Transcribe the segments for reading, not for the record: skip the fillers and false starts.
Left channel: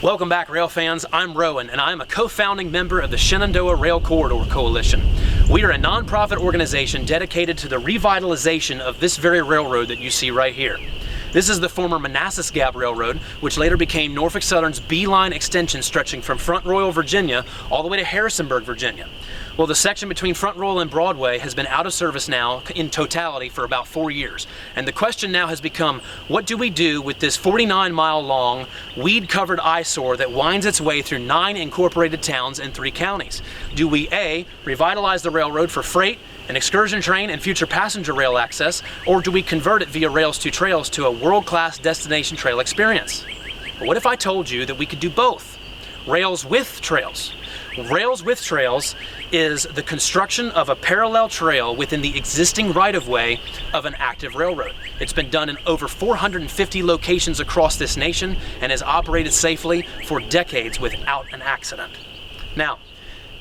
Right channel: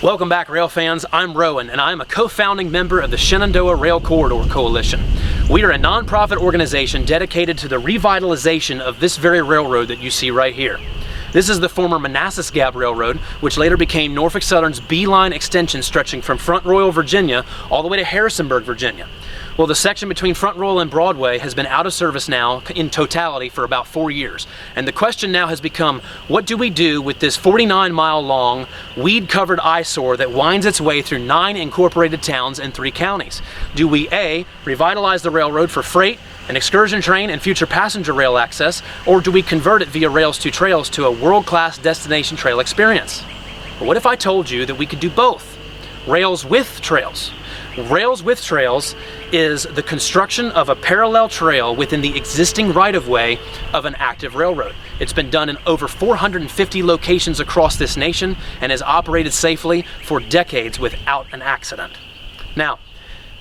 Welcome back, rail fans. I'm Rowan, and I'm a co-founding member of the Shenandoah Rail Corridor Coalition. We are a nonprofit organization dedicated to the revitalization of this very railroad that you see right here. This is the former Manassas Gap Railroad, which later became Norfolk Southern's B-line extension stretching from Front Royal, Virginia, all the way to Harrisonburg, Virginia. Well, the section between Front Royal and Broadway has been out of service now in totality for about 4 years. And the question now has become, what do we do with this 49-mile-long, weed-covered eyesore that winds its way through 9 incorporated towns and 3 counties? Do we A, revitalize the railroad for freight, an excursion train, and future passenger rail access, or do we convert it via Rails to Trails to a world-class destination trail experience? Or what if I told you that we could do both? Rails with Trails. Rails with Trails is the construction of a parallel trail within the existing right-of-way of an active railroad. It's been done in over 450 locations across this nation and has operated safely for decades without an accident. Now,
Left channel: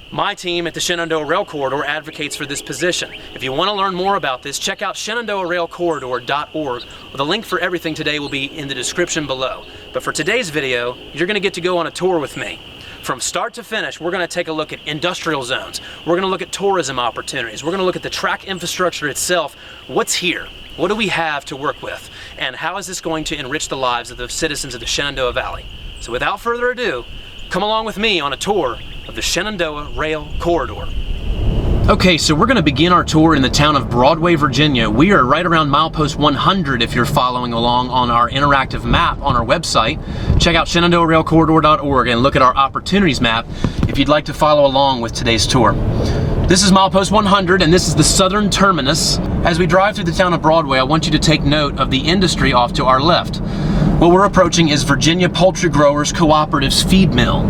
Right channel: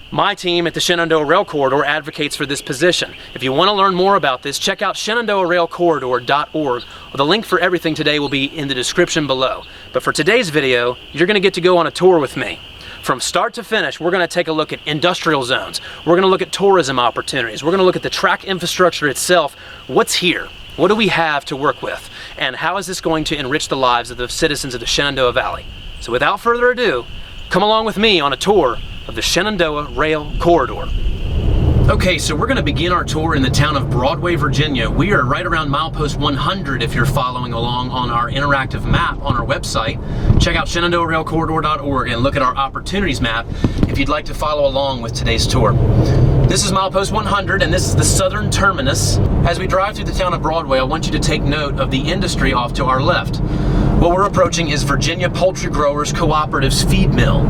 my team at the Shenandoah Rail Corridor advocates for this position. If you want to learn more about this, check out ShenandoahRailCorridor.org. The link for everything today will be in the description below. But for today's video, you're going to get to go on a tour with me. From start to finish, we're going to take a look at industrial zones. We're going to look at tourism opportunities. We're going to look at the track infrastructure itself. What's here? What do we have to work with? And how is this going to enrich the lives of the citizens of the Shenandoah Valley? So without further ado, come along with me on a tour of the Shenandoah Rail Corridor. Okay, so we're going to begin our tour in the town of Broadway, Virginia. We are right around milepost 100 if you're following along on our interactive map on our website. Check out ShenandoahRailCorridor.org and look at our opportunities map if you'd like to follow along with today's tour. This is milepost 100 and this is the southern terminus. As we drive through the town of Broadway, I want you to take note of the industry off to our left. What we're approaching is Virginia Poultry Growers Cooperative's feed mill.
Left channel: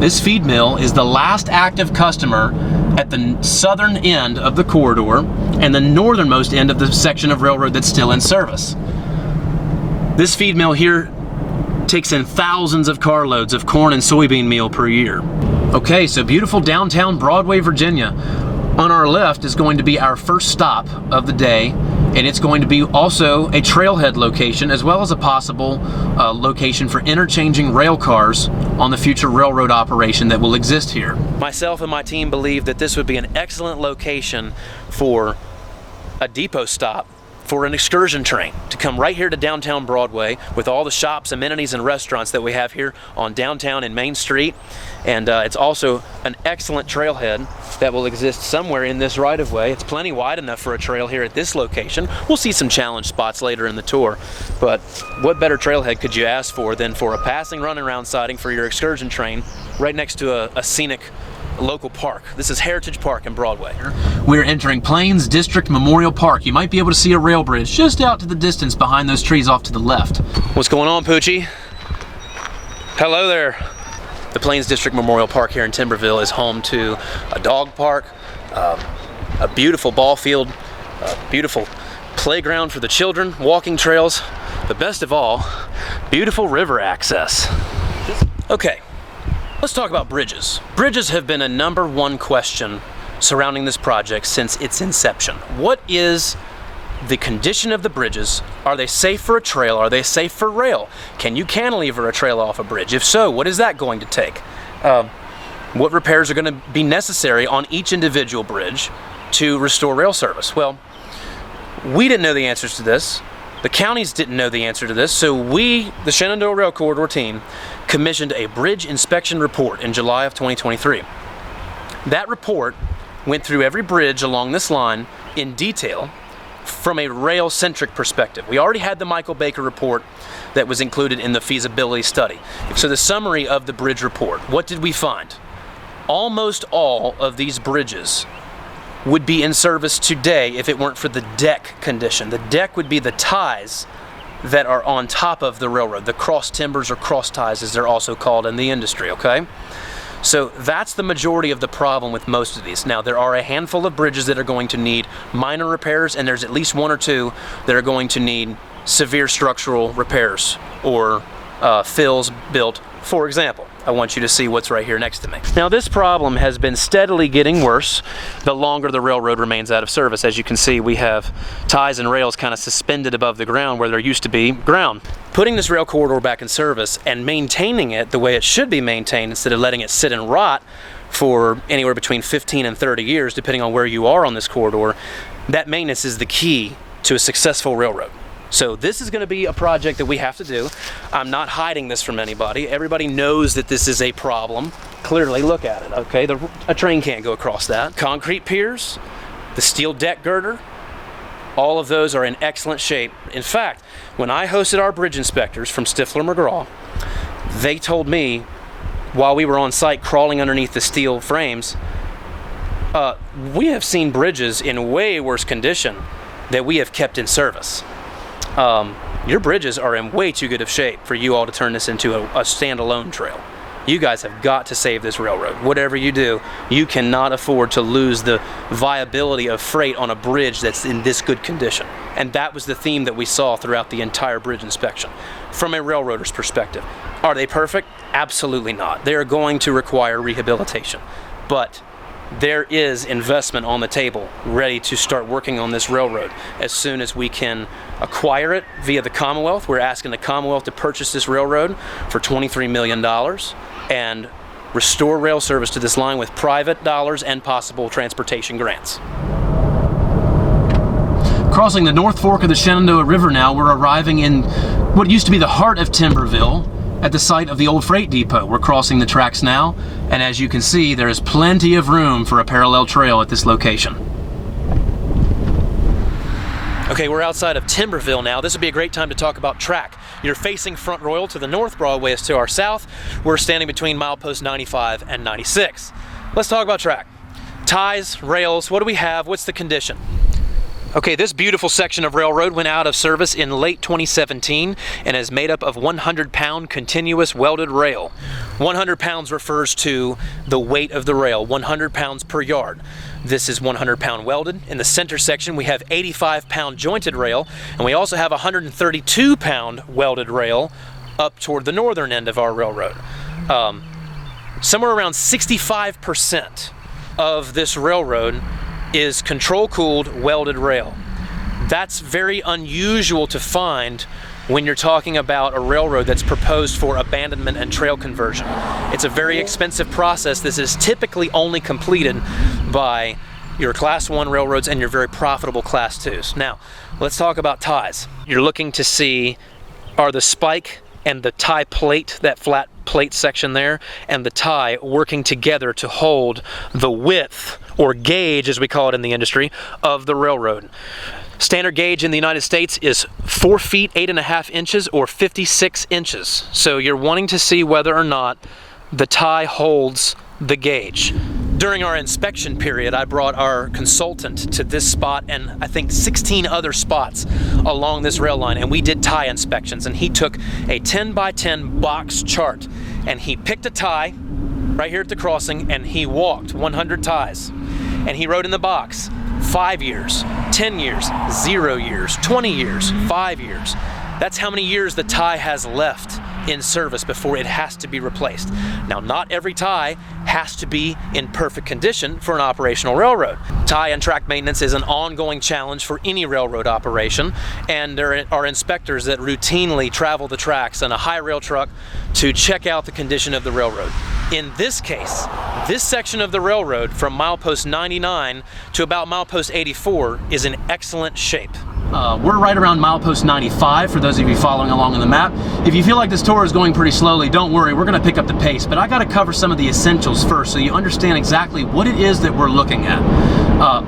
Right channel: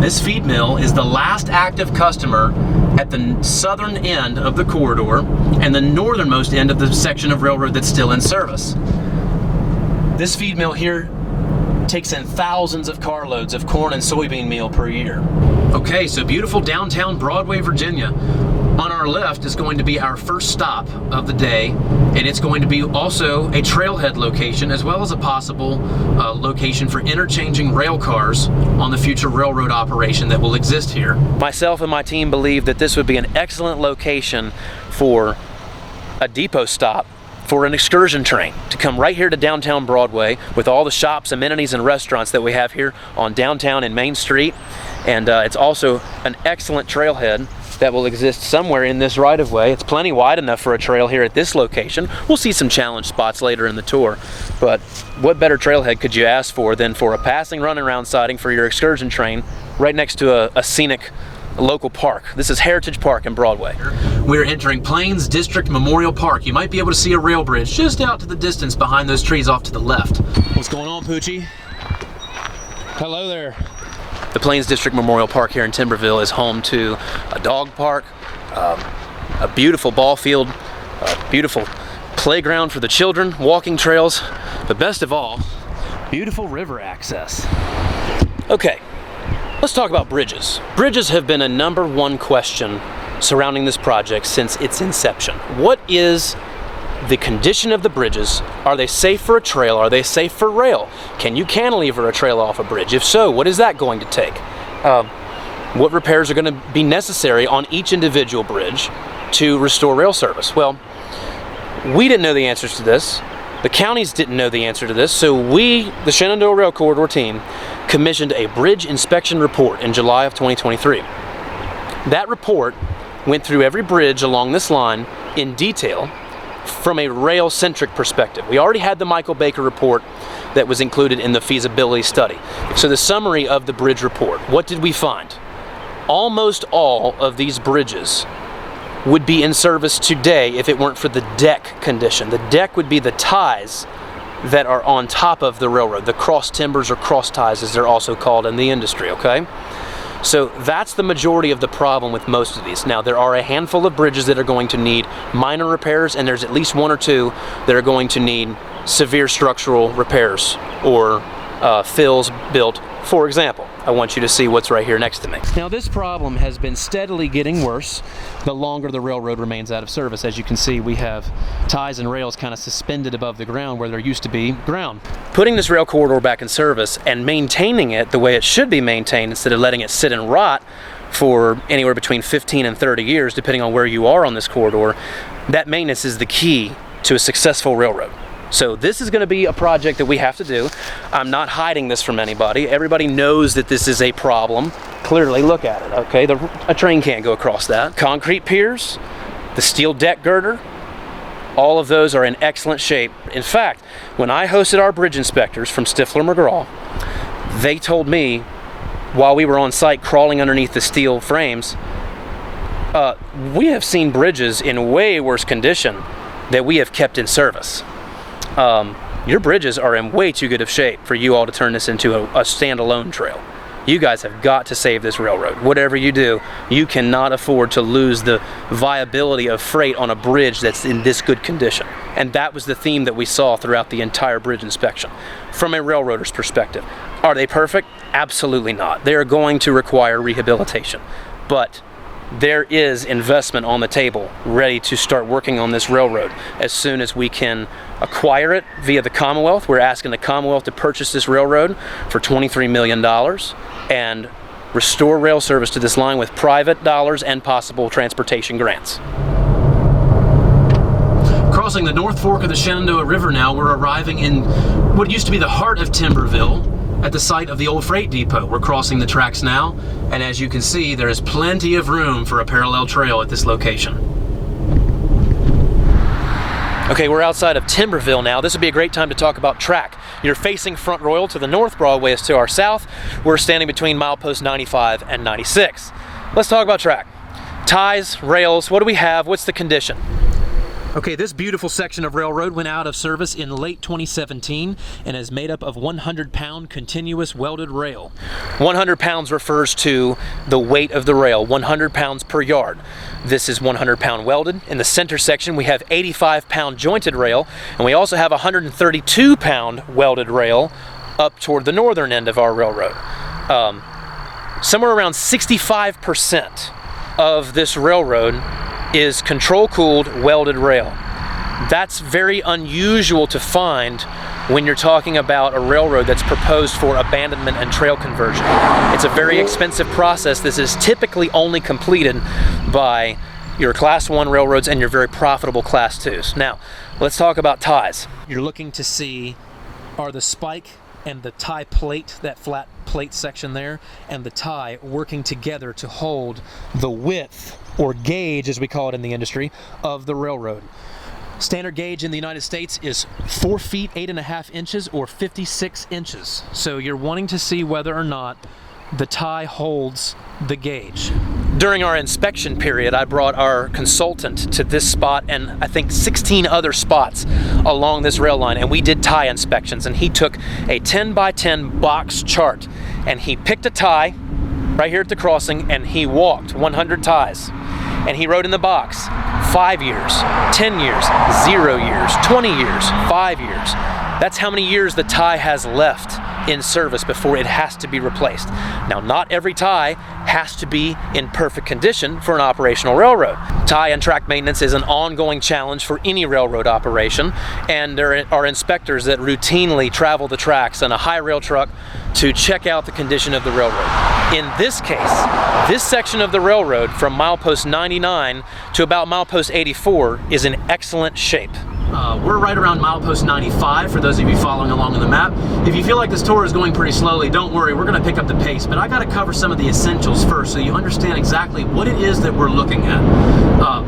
This feed mill is the last active customer at the southern end of the corridor and the northernmost end of the section of railroad that's still in service. This feed mill here takes in thousands of carloads of corn and soybean meal per year. Okay, so beautiful downtown Broadway, Virginia. On our left is going to be our first stop of the day, and it's going to be also a trailhead location as well as a possible location for interchanging rail cars on the future railroad operation that will exist here. Myself and my team believe that this would be an excellent location for a depot stop for an excursion train to come right here to downtown Broadway with all the shops, amenities, and restaurants that we have here on downtown and Main Street. And it's also an excellent trailhead that will exist somewhere in this right-of-way. It's plenty wide enough for a trail here at this location. We'll see some challenge spots later in the tour, but what better trailhead could you ask for than for a passing run-around siding for your excursion train right next to a scenic local park. This is Heritage Park in Broadway. We're entering Plains District Memorial Park. You might be able to see a rail bridge just out to the distance behind those trees off to the left. What's going on, Poochie? Hello there. The Plains District Memorial Park here in Timberville is home to a dog park, a beautiful ball field, a beautiful playground for the children, walking trails, but best of all, beautiful river access. Okay, let's talk about bridges. Bridges have been a #1 question surrounding this project since its inception. What is the condition of the bridges? Are they safe for a trail? Are they safe for rail? Can you cantilever a trail off a bridge? If so, what is that going to take? What repairs are going to be necessary on each individual bridge to restore rail service? Well, we didn't know the answers to this. The counties didn't know the answer to this, so we, the Shenandoah Rail Corridor team, commissioned a bridge inspection report in July of 2023. That report went through every bridge along this line in detail from a rail-centric perspective. We already had the Michael Baker report that was included in the feasibility study. So the summary of the bridge report, what did we find? Almost all of these bridges would be in service today if it weren't for the deck condition. The deck would be the ties that are on top of the railroad, the cross timbers or cross ties as they're also called in the industry, okay? So that's the majority of the problem with most of these. Now, there are a handful of bridges that are going to need minor repairs, and there's at least 1 or 2 that are going to need severe structural repairs or fills built. For example, I want you to see what's right here next to me. Now this problem has been steadily getting worse the longer the railroad remains out of service. As you can see, we have ties and rails kind of suspended above the ground where there used to be ground. Putting this rail corridor back in service and maintaining it the way it should be maintained instead of letting it sit and rot for anywhere between 15 and 30 years, depending on where you are on this corridor, that maintenance is the key to a successful railroad. So this is going to be a project that we have to do. I'm not hiding this from anybody. Everybody knows that this is a problem. Clearly, look at it, okay? A train can't go across that. Concrete piers, the steel deck girder, all of those are in excellent shape. In fact, when I hosted our bridge inspectors from Stifler McGraw, they told me while we were on site crawling underneath the steel frames, we have seen bridges in way worse condition that we have kept in service. Your bridges are in way too good of shape for you all to turn this into a standalone trail. You guys have got to save this railroad. Whatever you do, you cannot afford to lose the viability of freight on a bridge that's in this good condition. And that was the theme that we saw throughout the entire bridge inspection. From a railroader's perspective, are they perfect? Absolutely not. They are going to require rehabilitation. But there is investment on the table ready to start working on this railroad as soon as we can acquire it via the Commonwealth. We're asking the Commonwealth to purchase this railroad for $23 million and restore rail service to this line with private dollars and possible transportation grants. Crossing the North Fork of the Shenandoah River now, we're arriving in what used to be the heart of Timberville, at the site of the old freight depot. We're crossing the tracks now, and as you can see, there is plenty of room for a parallel trail at this location. Okay, we're outside of Timberville now. This would be a great time to talk about track. You're facing Front Royal to the north, Broadway is to our south. We're standing between milepost 95 and 96. Let's talk about track. Ties, rails, what do we have? What's the condition? Okay, this beautiful section of railroad went out of service in late 2017 and is made up of 100-pound continuous welded rail. 100 pounds refers to the weight of the rail, 100 pounds per yard. This is 100-pound welded. In the center section, we have 85-pound jointed rail, and we also have 132-pound welded rail up toward the northern end of our railroad. Somewhere around 65% of this railroad is control-cooled welded rail. That's very unusual to find when you're talking about a railroad that's proposed for abandonment and trail conversion. It's a very expensive process. This is typically only completed by your Class 1 railroads and your very profitable Class 2s. Now, let's talk about ties. You're looking to see, are the spike and the tie plate, that flat plate section there, and the tie working together to hold the width, or gauge as we call it in the industry, of the railroad. Standard gauge in the United States is 4 feet 8.5 inches or 56 inches. So you're wanting to see whether or not the tie holds the gauge. During our inspection period, I brought our consultant to this spot and I think 16 other spots along this rail line, and we did tie inspections, and he took a 10 by 10 box chart and he picked a tie right here at the crossing and he walked 100 ties. And he wrote in the box, 5 years, 10 years, 0 years, 20 years, 5 years. That's how many years the tie has left in service before it has to be replaced. Now, not every tie has to be in perfect condition for an operational railroad. Tie and track maintenance is an ongoing challenge for any railroad operation, and there are inspectors that routinely travel the tracks in a high rail truck to check out the condition of the railroad. In this case, this section of the railroad from milepost 99 to about milepost 84 is in excellent shape. We're right around milepost 95 for those of you following along on the map. If you feel like this tour is going pretty slowly, don't worry, we're going to pick up the pace, but I got to cover some of the essentials first so you understand exactly what it is that we're looking at.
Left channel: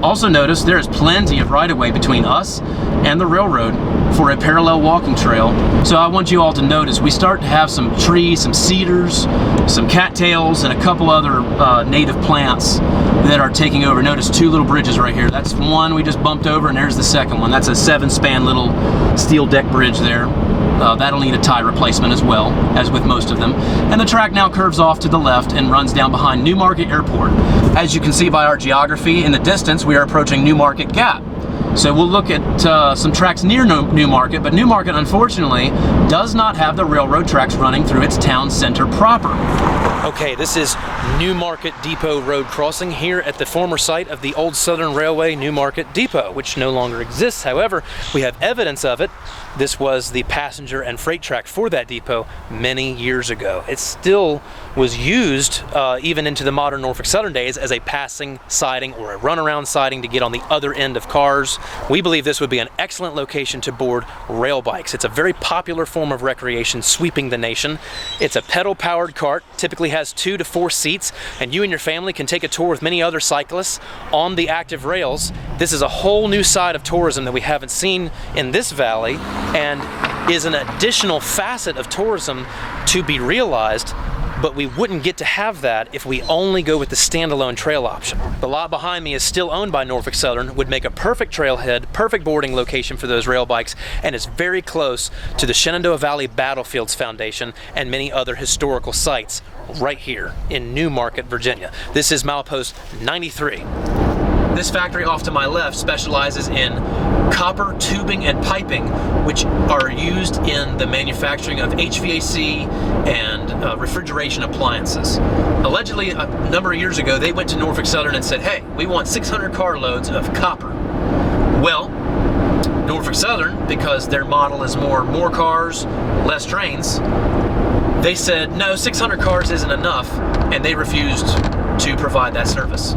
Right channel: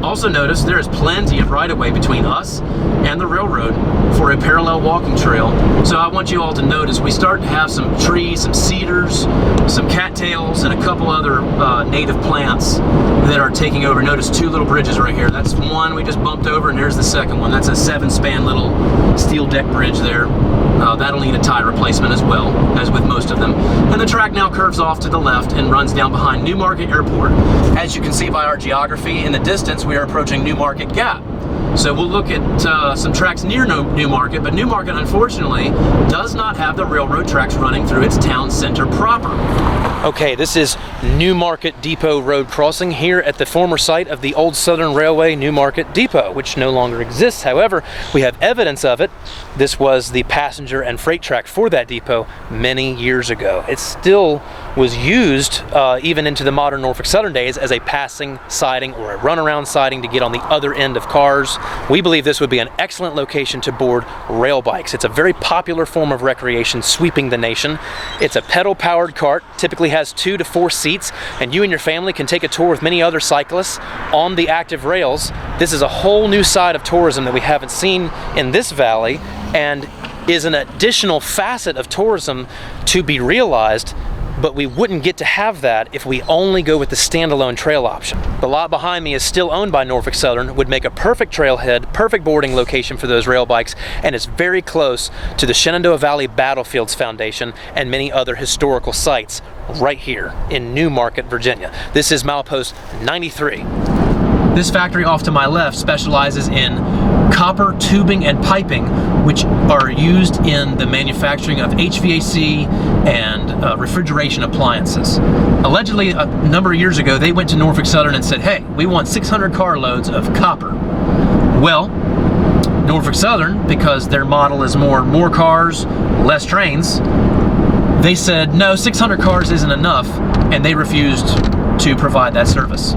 Also notice there is plenty of right-of-way between us and the railroad for a parallel walking trail. So I want you all to notice we start to have some trees, some cedars, some cattails, and a couple other native plants that are taking over. Notice 2 little bridges right here. That's one we just bumped over, and there's the second one. That's a 7-span little steel deck bridge there. That'll need a tie replacement as well, as with most of them. And the track now curves off to the left and runs down behind Newmarket Airport. As you can see by our geography, in the distance we are approaching Newmarket Gap. So we'll look at some tracks near Newmarket, but Newmarket, unfortunately, does not have the railroad tracks running through its town center proper. Okay, this is Newmarket Depot Road crossing here at the former site of the old Southern Railway Newmarket Depot, which no longer exists. However, we have evidence of it. This was the passenger and freight track for that depot many years ago. It still was used even into the modern Norfolk Southern days as a passing siding or a runaround siding to get on the other end of cars. We believe this would be an excellent location to board rail bikes. It's a very popular form of recreation sweeping the nation. It's a pedal-powered cart, typically has 2 to 4 seats, and you and your family can take a tour with many other cyclists on the active rails. This is a whole new side of tourism that we haven't seen in this valley, and is an additional facet of tourism to be realized, but we wouldn't get to have that if we only go with the standalone trail option. The lot behind me is still owned by Norfolk Southern, would make a perfect trailhead, perfect boarding location for those rail bikes, and is very close to the Shenandoah Valley Battlefields Foundation and many other historical sites right here in Newmarket, Virginia. This is milepost 93. This factory off to my left specializes in copper tubing and piping, which are used in the manufacturing of HVAC and refrigeration appliances. Allegedly, a number of years ago, they went to Norfolk Southern and said, hey, we want 600 carloads of copper. Well, Norfolk Southern, because their model is more cars, less trains, they said, no, 600 cars isn't enough, and they refused to provide that service.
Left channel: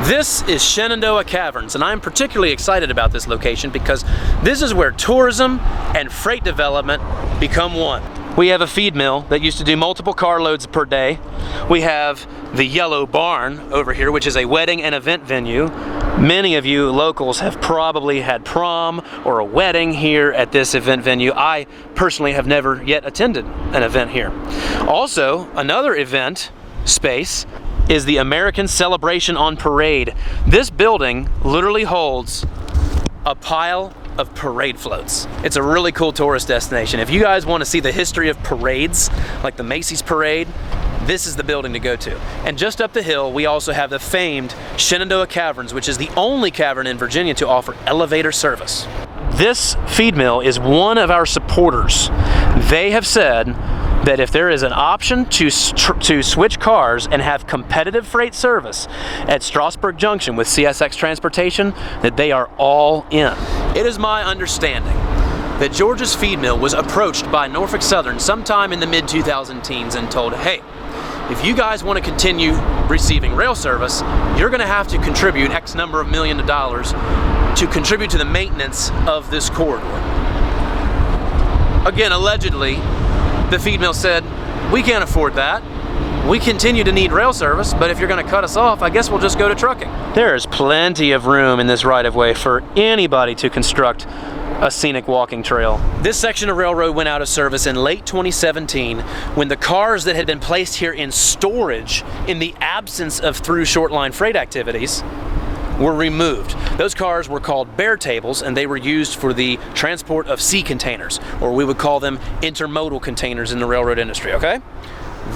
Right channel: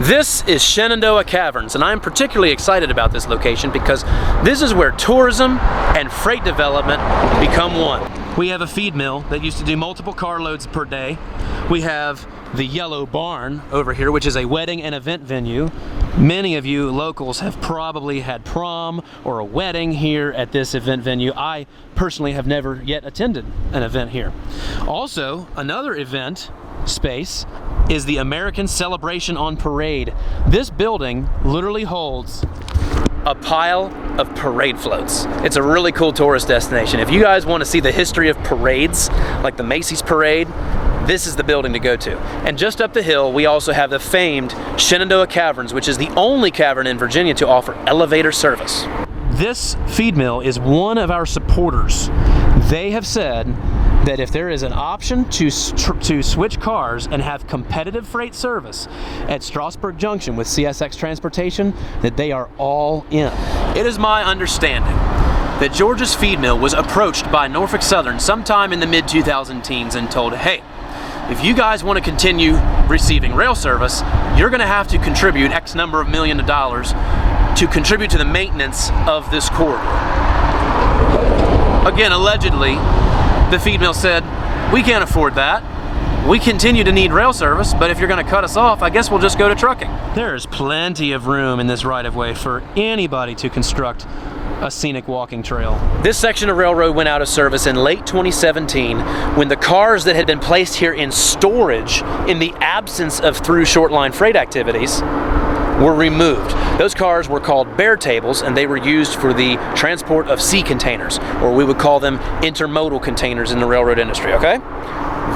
This is Shenandoah Caverns, and I'm particularly excited about this location because this is where tourism and freight development become one. We have a feed mill that used to do multiple carloads per day. We have the Yellow Barn over here, which is a wedding and event venue. Many of you locals have probably had prom or a wedding here at this event venue. I personally have never yet attended an event here. Also, another event space is the American Celebration on Parade. This building literally holds a pile of parade floats. It's a really cool tourist destination. If you guys want to see the history of parades, like the Macy's Parade, this is the building to go to. And just up the hill, we also have the famed Shenandoah Caverns, which is the only cavern in Virginia to offer elevator service. This feed mill is one of our supporters. They have said that if there is an option to switch cars and have competitive freight service at Strasburg Junction with CSX Transportation, that they are all in. It is my understanding that George's Feed Mill was approached by Norfolk Southern sometime in the mid-2010s and told, hey, if you guys want to continue receiving rail service, you're going to have to contribute X number of millions of dollars to contribute to the maintenance of this corridor. Again, allegedly, the feed mill said, we can't afford that. We continue to need rail service, but if you're going to cut us off, I guess we'll just go to trucking. There is plenty of room in this right-of-way for anybody to construct a scenic walking trail. This section of railroad went out of service in late 2017 when the cars that had been placed here in storage in the absence of through short line freight activities were removed. Those cars were called bear tables, and they were used for the transport of sea containers, or we would call them intermodal containers in the railroad industry, okay?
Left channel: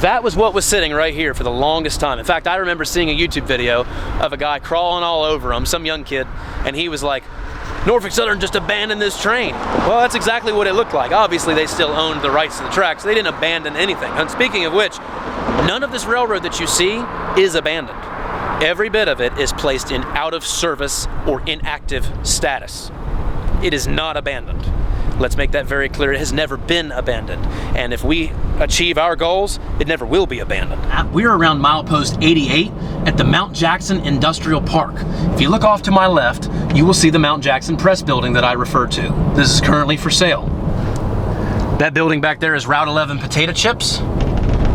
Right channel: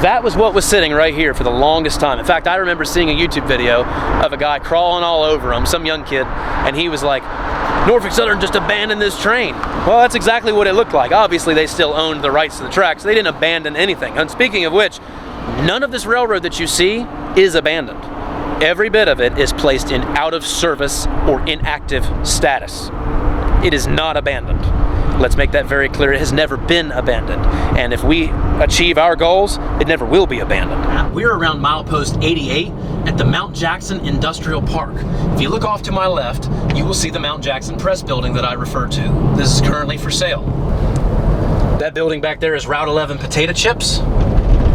That was what was sitting right here for the longest time. In fact, I remember seeing a YouTube video of a guy crawling all over them, some young kid, and he was like, Norfolk Southern just abandoned this train. Well, that's exactly what it looked like. Obviously, they still owned the rights to the tracks. They didn't abandon anything. And speaking of which, none of this railroad that you see is abandoned. Every bit of it is placed in out of service or inactive status. It is not abandoned. Let's make that very clear. It has never been abandoned. And if we achieve our goals, it never will be abandoned. We're around milepost 88 at the Mount Jackson Industrial Park. If you look off to my left, you will see the Mount Jackson Press building that I referred to. This is currently for sale. That building back there is Route 11 potato chips.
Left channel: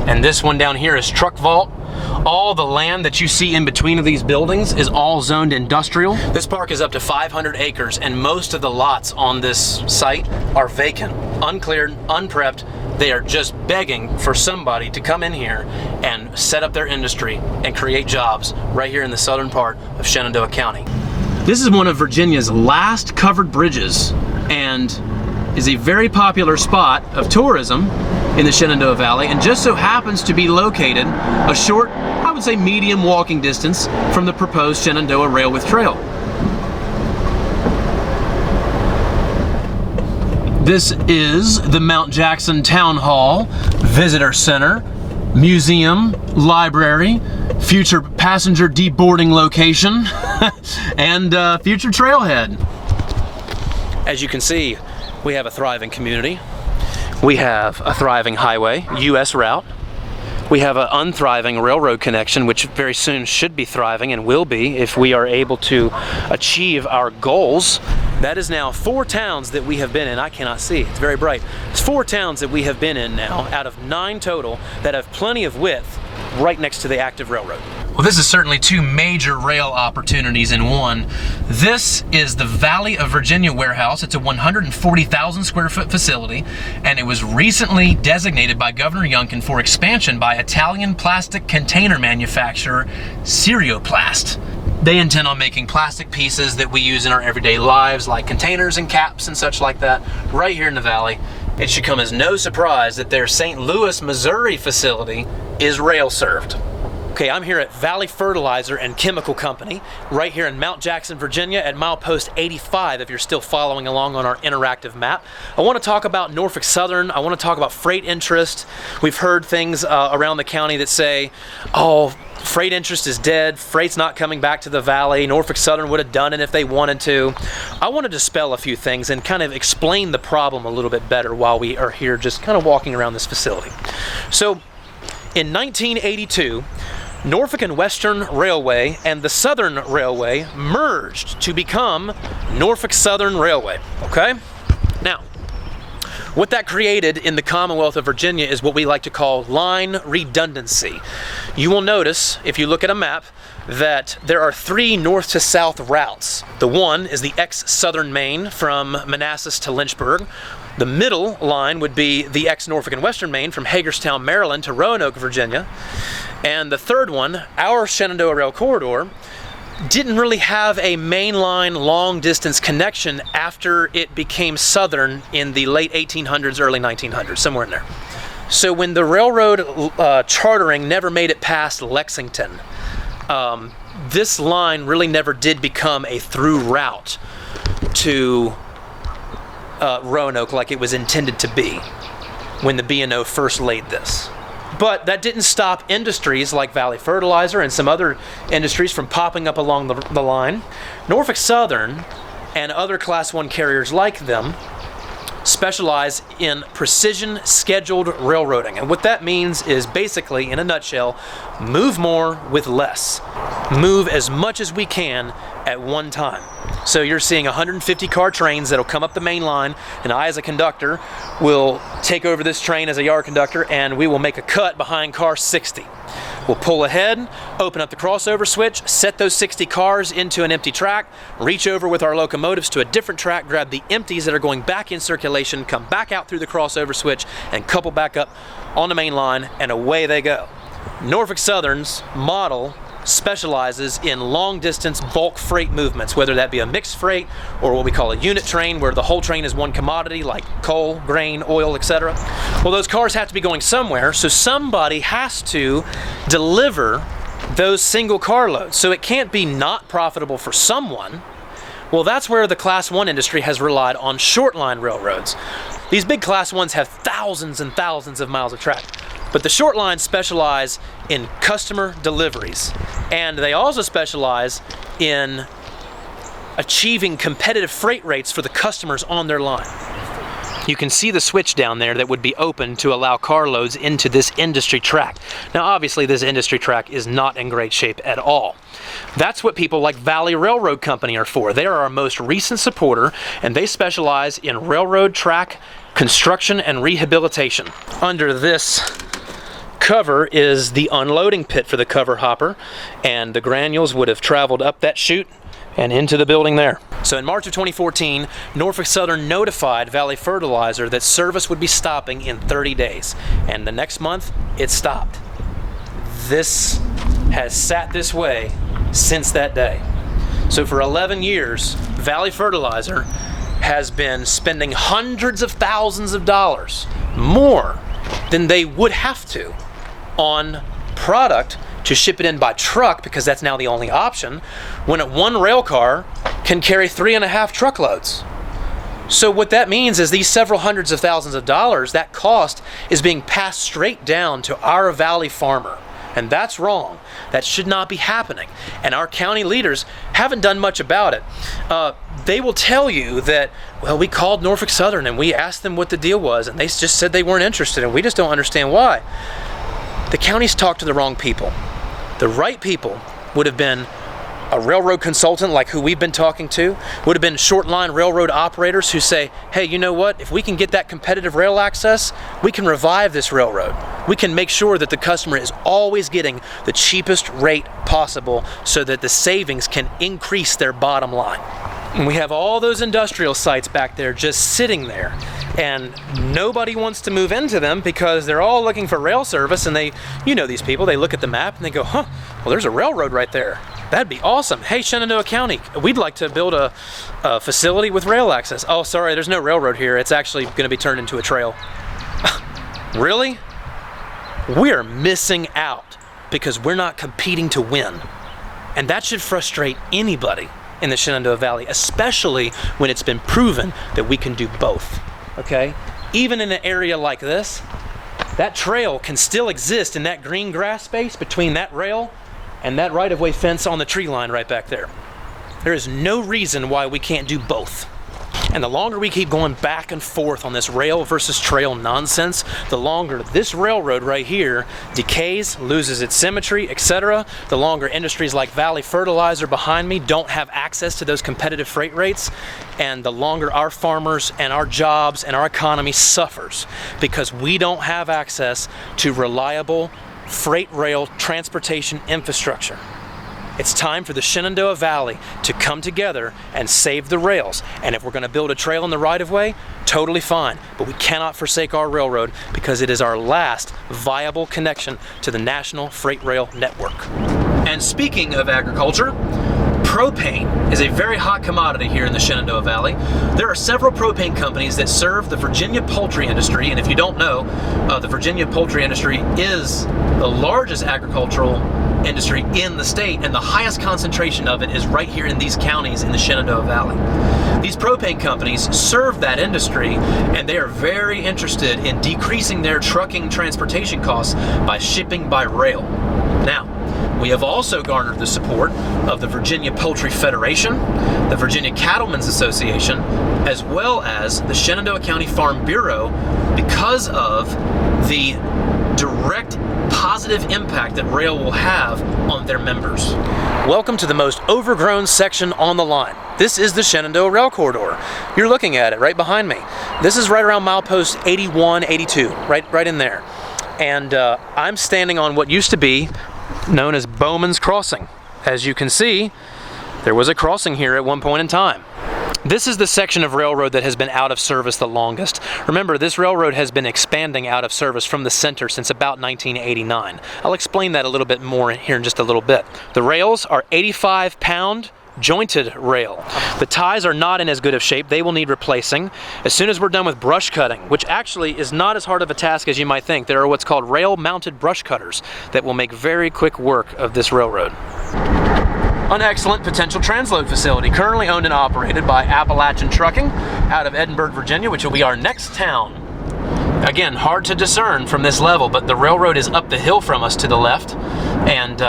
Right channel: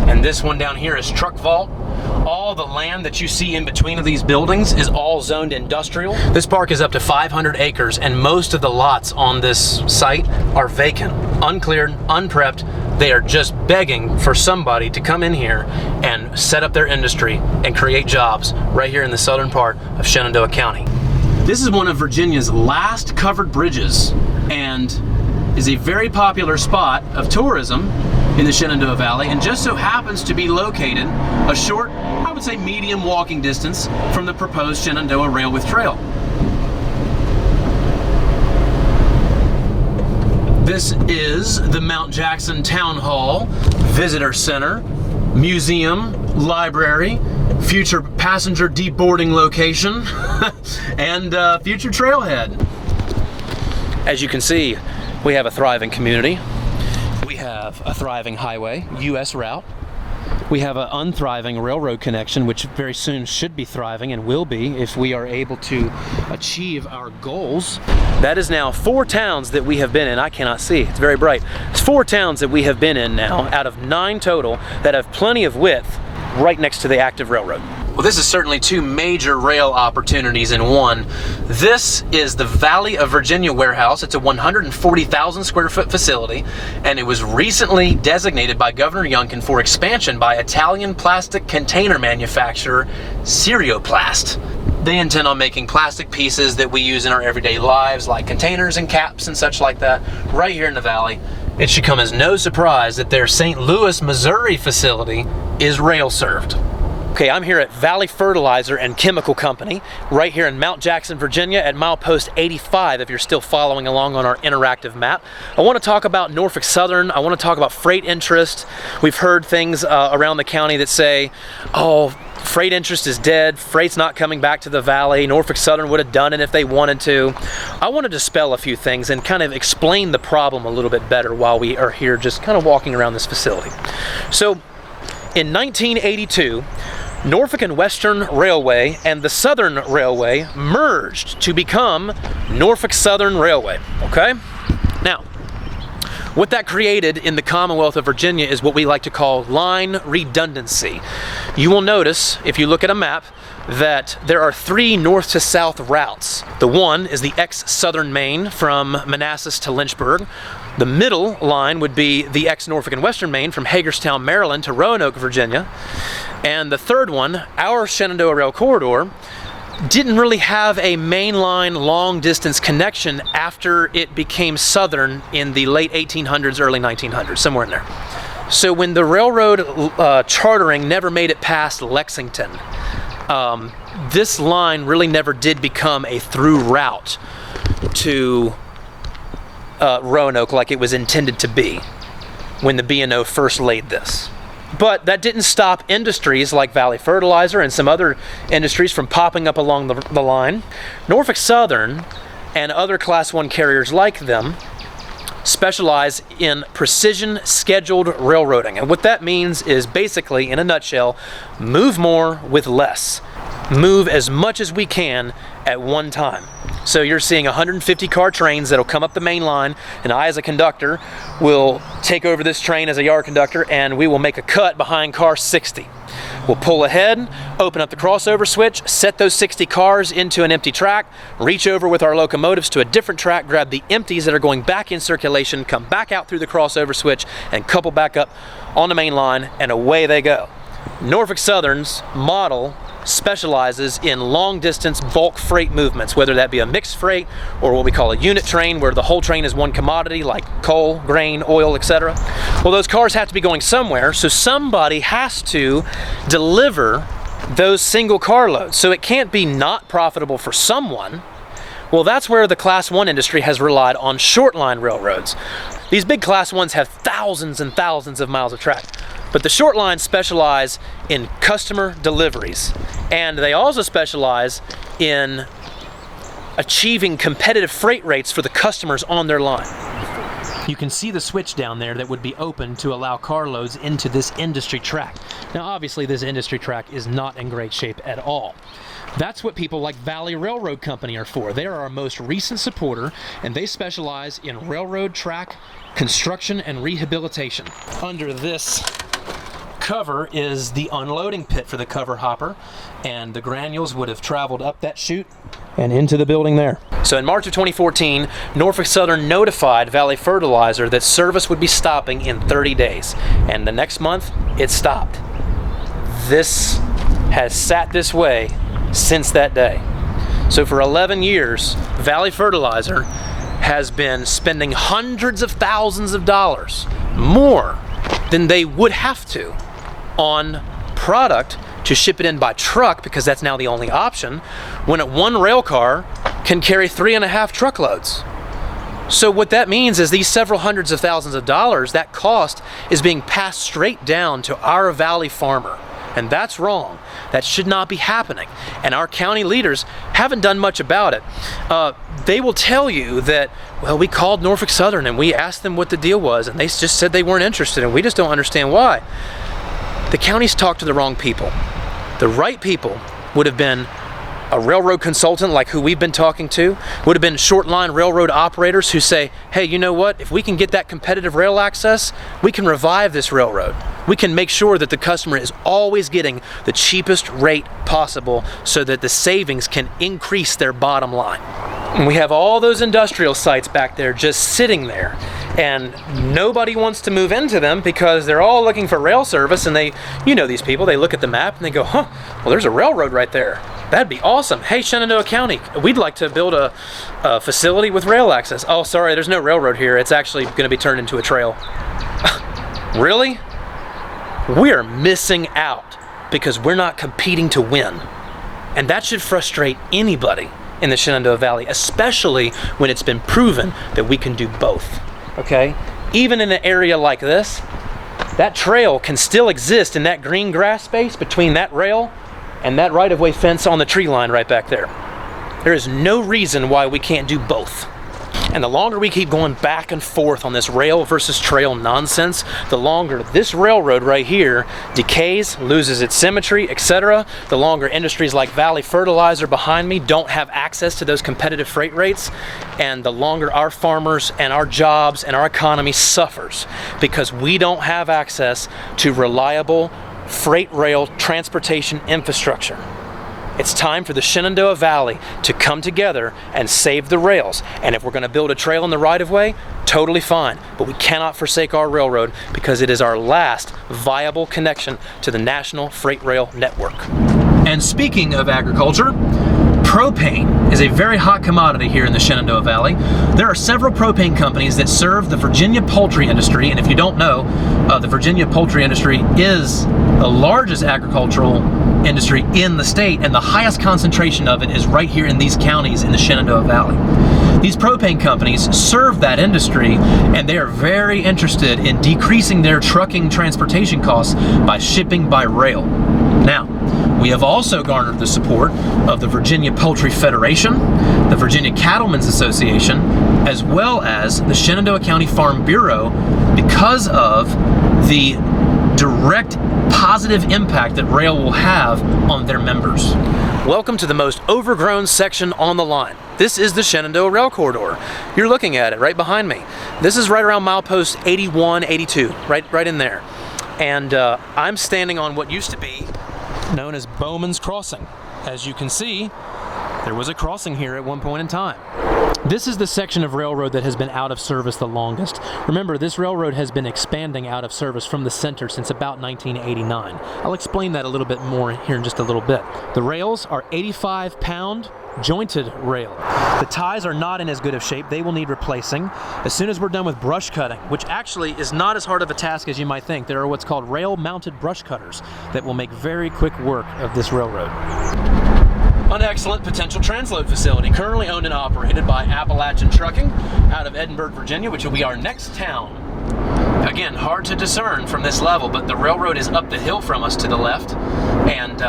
And this one down here is Truck Vault. All the land that you see in between of these buildings is all zoned industrial. This park is up to 500 acres, and most of the lots on this site are vacant, uncleared, unprepped. They are just begging for somebody to come in here and set up their industry and create jobs right here in the southern part of Shenandoah County. This is one of Virginia's last covered bridges and is a very popular spot of tourism in the Shenandoah Valley, and just so happens to be located a short, I would say medium walking distance from the proposed Shenandoah Railway Trail. This is the Mount Jackson Town Hall, Visitor Center, Museum, Library, future passenger deboarding location, and future trailhead. As you can see, we have a thriving community. We have a thriving highway, US route. We have an unthriving railroad connection, which very soon should be thriving and will be if we are able to achieve our goals. That is now 4 towns that we have been in. I cannot see, it's very bright. It's 4 towns that we have been in now out of 9 total that have plenty of width right next to the active railroad. Well, this is certainly 2 major rail opportunities in one. This is the Valley of Virginia warehouse. It's a 140,000 square foot facility, and it was recently designated by Governor Youngkin for expansion by Italian plastic container manufacturer Serioplast. They intend on making plastic pieces that we use in our everyday lives, like containers and caps and such like that, right here in the valley. It should come as no surprise that their St. Louis, Missouri facility is rail served. Okay, I'm here at Valley Fertilizer and Chemical Company, right here in Mount Jackson, Virginia at milepost 85, if you're still following along on our interactive map. I want to talk about Norfolk Southern. I want to talk about freight interest. We've heard things around the county that say, oh, freight interest is dead, freight's not coming back to the valley, Norfolk Southern would have done it if they wanted to. I want to dispel a few things and kind of explain the problem a little bit better while we are here just kind of walking around this facility. So, in 1982, Norfolk and Western Railway and the Southern Railway merged to become Norfolk Southern Railway, okay? Now, what that created in the Commonwealth of Virginia is what we like to call line redundancy. You will notice, if you look at a map, that there are 3 north to south routes. The one is the ex-Southern Main from Manassas to Lynchburg. The middle line would be the ex-Norfolk and Western Main from Hagerstown, Maryland to Roanoke, Virginia. And the third one, our Shenandoah Rail Corridor, didn't really have a mainline long-distance connection after it became Southern in the late 1800s, early 1900s, somewhere in there. So when the railroad chartering never made it past Lexington, this line really never did become a through route to Roanoke like it was intended to be when the B&O first laid this. But that didn't stop industries like Valley Fertilizer and some other industries from popping up along the line. Norfolk Southern and other Class 1 carriers like them specialize in precision scheduled railroading. And what that means is basically, in a nutshell, move more with less. Move as much as we can at one time. So you're seeing 150 car trains that'll come up the main line, and I as a conductor will take over this train as a yard conductor, and we will make a cut behind car 60. We'll pull ahead, open up the crossover switch, set those 60 cars into an empty track, reach over with our locomotives to a different track, grab the empties that are going back in circulation, come back out through the crossover switch, and couple back up on the main line, and away they go. Norfolk Southern's model specializes in long-distance bulk freight movements, whether that be a mixed freight or what we call a unit train, where the whole train is one commodity like coal, grain, oil, etc. Well, those cars have to be going somewhere, so somebody has to deliver those single car loads. So it can't be not profitable for someone. Well, that's where the Class 1 industry has relied on short line railroads. These big Class 1s have thousands and thousands of miles of track. But the short lines specialize in customer deliveries, and they also specialize in achieving competitive freight rates for the customers on their line. You can see the switch down there that would be open to allow carloads into this industry track. Now obviously this industry track is not in great shape at all. That's what people like Valley Railroad Company are for. They are our most recent supporter, and they specialize in railroad track construction and rehabilitation. Under this cover is the unloading pit for the cover hopper, and the granules would have traveled up that chute and into the building there. So in March of 2014, Norfolk Southern notified Valley Fertilizer that service would be stopping in 30 days, and the next month it stopped. This has sat this way since that day. So for 11 years, Valley Fertilizer has been spending hundreds of thousands of dollars more than they would have to on product to ship it in by truck, because that's now the only option, when one rail car can carry 3.5 truckloads. So what that means is these several hundreds of thousands of dollars, that cost is being passed straight down to our valley farmer. And that's wrong. That should not be happening. And our county leaders haven't done much about it. They will tell you that, well, we called Norfolk Southern and we asked them what the deal was, and they just said they weren't interested, and we just don't understand why. The county's talked to the wrong people. The right people would have been a railroad consultant like who we've been talking to, would have been short line railroad operators who say, hey, you know what, if we can get that competitive rail access, we can revive this railroad. We can make sure that the customer is always getting the cheapest rate possible so that the savings can increase their bottom line. And we have all those industrial sites back there just sitting there, and nobody wants to move into them because they're all looking for rail service, and they, you know, these people, they look at the map and they go, huh, well, there's a railroad right there. That'd be awesome. Hey, Shenandoah County, we'd like to build a facility with rail access. Oh, sorry, there's no railroad here. It's actually going to be turned into a trail. Really? We're missing out because we're not competing to win. And that should frustrate anybody in the Shenandoah Valley, especially when it's been proven that we can do both, okay? Even in an area like this, that trail can still exist in that green grass space between that rail and that right-of-way fence on the tree line right back there. There is no reason why we can't do both. And the longer we keep going back and forth on this rail versus trail nonsense, the longer this railroad right here decays, loses its symmetry, etc. The longer industries like Valley Fertilizer behind me don't have access to those competitive freight rates, and the longer our farmers and our jobs and our economy suffers because we don't have access to reliable freight rail transportation infrastructure. It's time for the Shenandoah Valley to come together and save the rails. And if we're going to build a trail in the right-of-way, totally fine. But we cannot forsake our railroad because it is our last viable connection to the national freight rail network. And speaking of agriculture, propane is a very hot commodity here in the Shenandoah Valley. There are several propane companies that serve the Virginia poultry industry, and if you don't know, the Virginia poultry industry is the largest agricultural industry in the state, and the highest concentration of it is right here in these counties in the Shenandoah Valley. These propane companies serve that industry, and they are very interested in decreasing their trucking transportation costs by shipping by rail. Now, we have also garnered the support of the Virginia Poultry Federation, the Virginia Cattlemen's Association, as well as the Shenandoah County Farm Bureau because of the direct positive impact that rail will have on their members. Welcome to the most overgrown section on the line. This is the Shenandoah Rail Corridor. You're looking at it right behind me. This is right around milepost 81, 82, right in there. And I'm standing on what used to be known as Bowman's Crossing. As you can see, there was a crossing here at one point in time. This is the section of railroad that has been out of service the longest. Remember, this railroad has been expanding out of service from the center since about 1989. I'll explain that a little bit more here in just a little bit. The rails are 85-pound jointed rail. The ties are not in as good of shape. They will need replacing. As soon as we're done with brush cutting, which actually is not as hard of a task as you might think, there are what's called rail-mounted brush cutters that will make very quick work of this railroad. An excellent potential transload facility currently owned and operated by Appalachian Trucking out of Edinburgh, Virginia, which will be our next town. Again, hard to discern from this level, but the railroad is up the hill from us to the left, and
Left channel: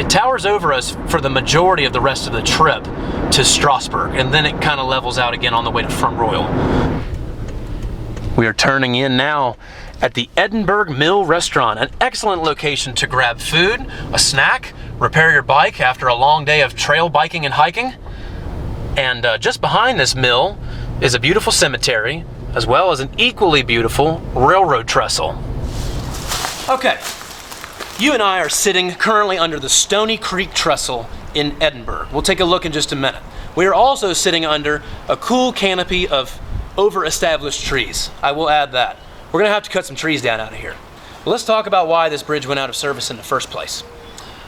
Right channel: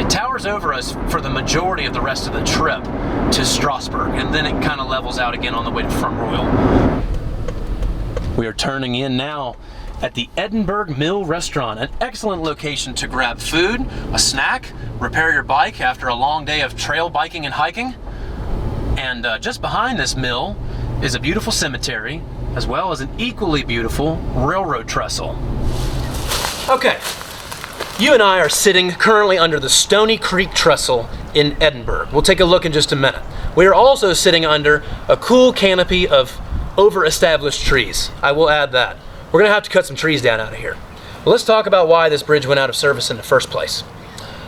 it towers over us for the majority of the rest of the trip to Strasburg, and then it kind of levels out again on the way to Front Royal. We are turning in now at the Edinburgh Mill Restaurant, an excellent location to grab food, a snack, repair your bike after a long day of trail biking and hiking. And just behind this mill is a beautiful cemetery, as well as an equally beautiful railroad trestle. Okay, you and I are sitting currently under the Stony Creek Trestle in Edinburgh. We'll take a look in just a minute. We are also sitting under a cool canopy of over-established trees. I will add that. We're gonna have to cut some trees down out of here. But let's talk about why this bridge went out of service in the first place.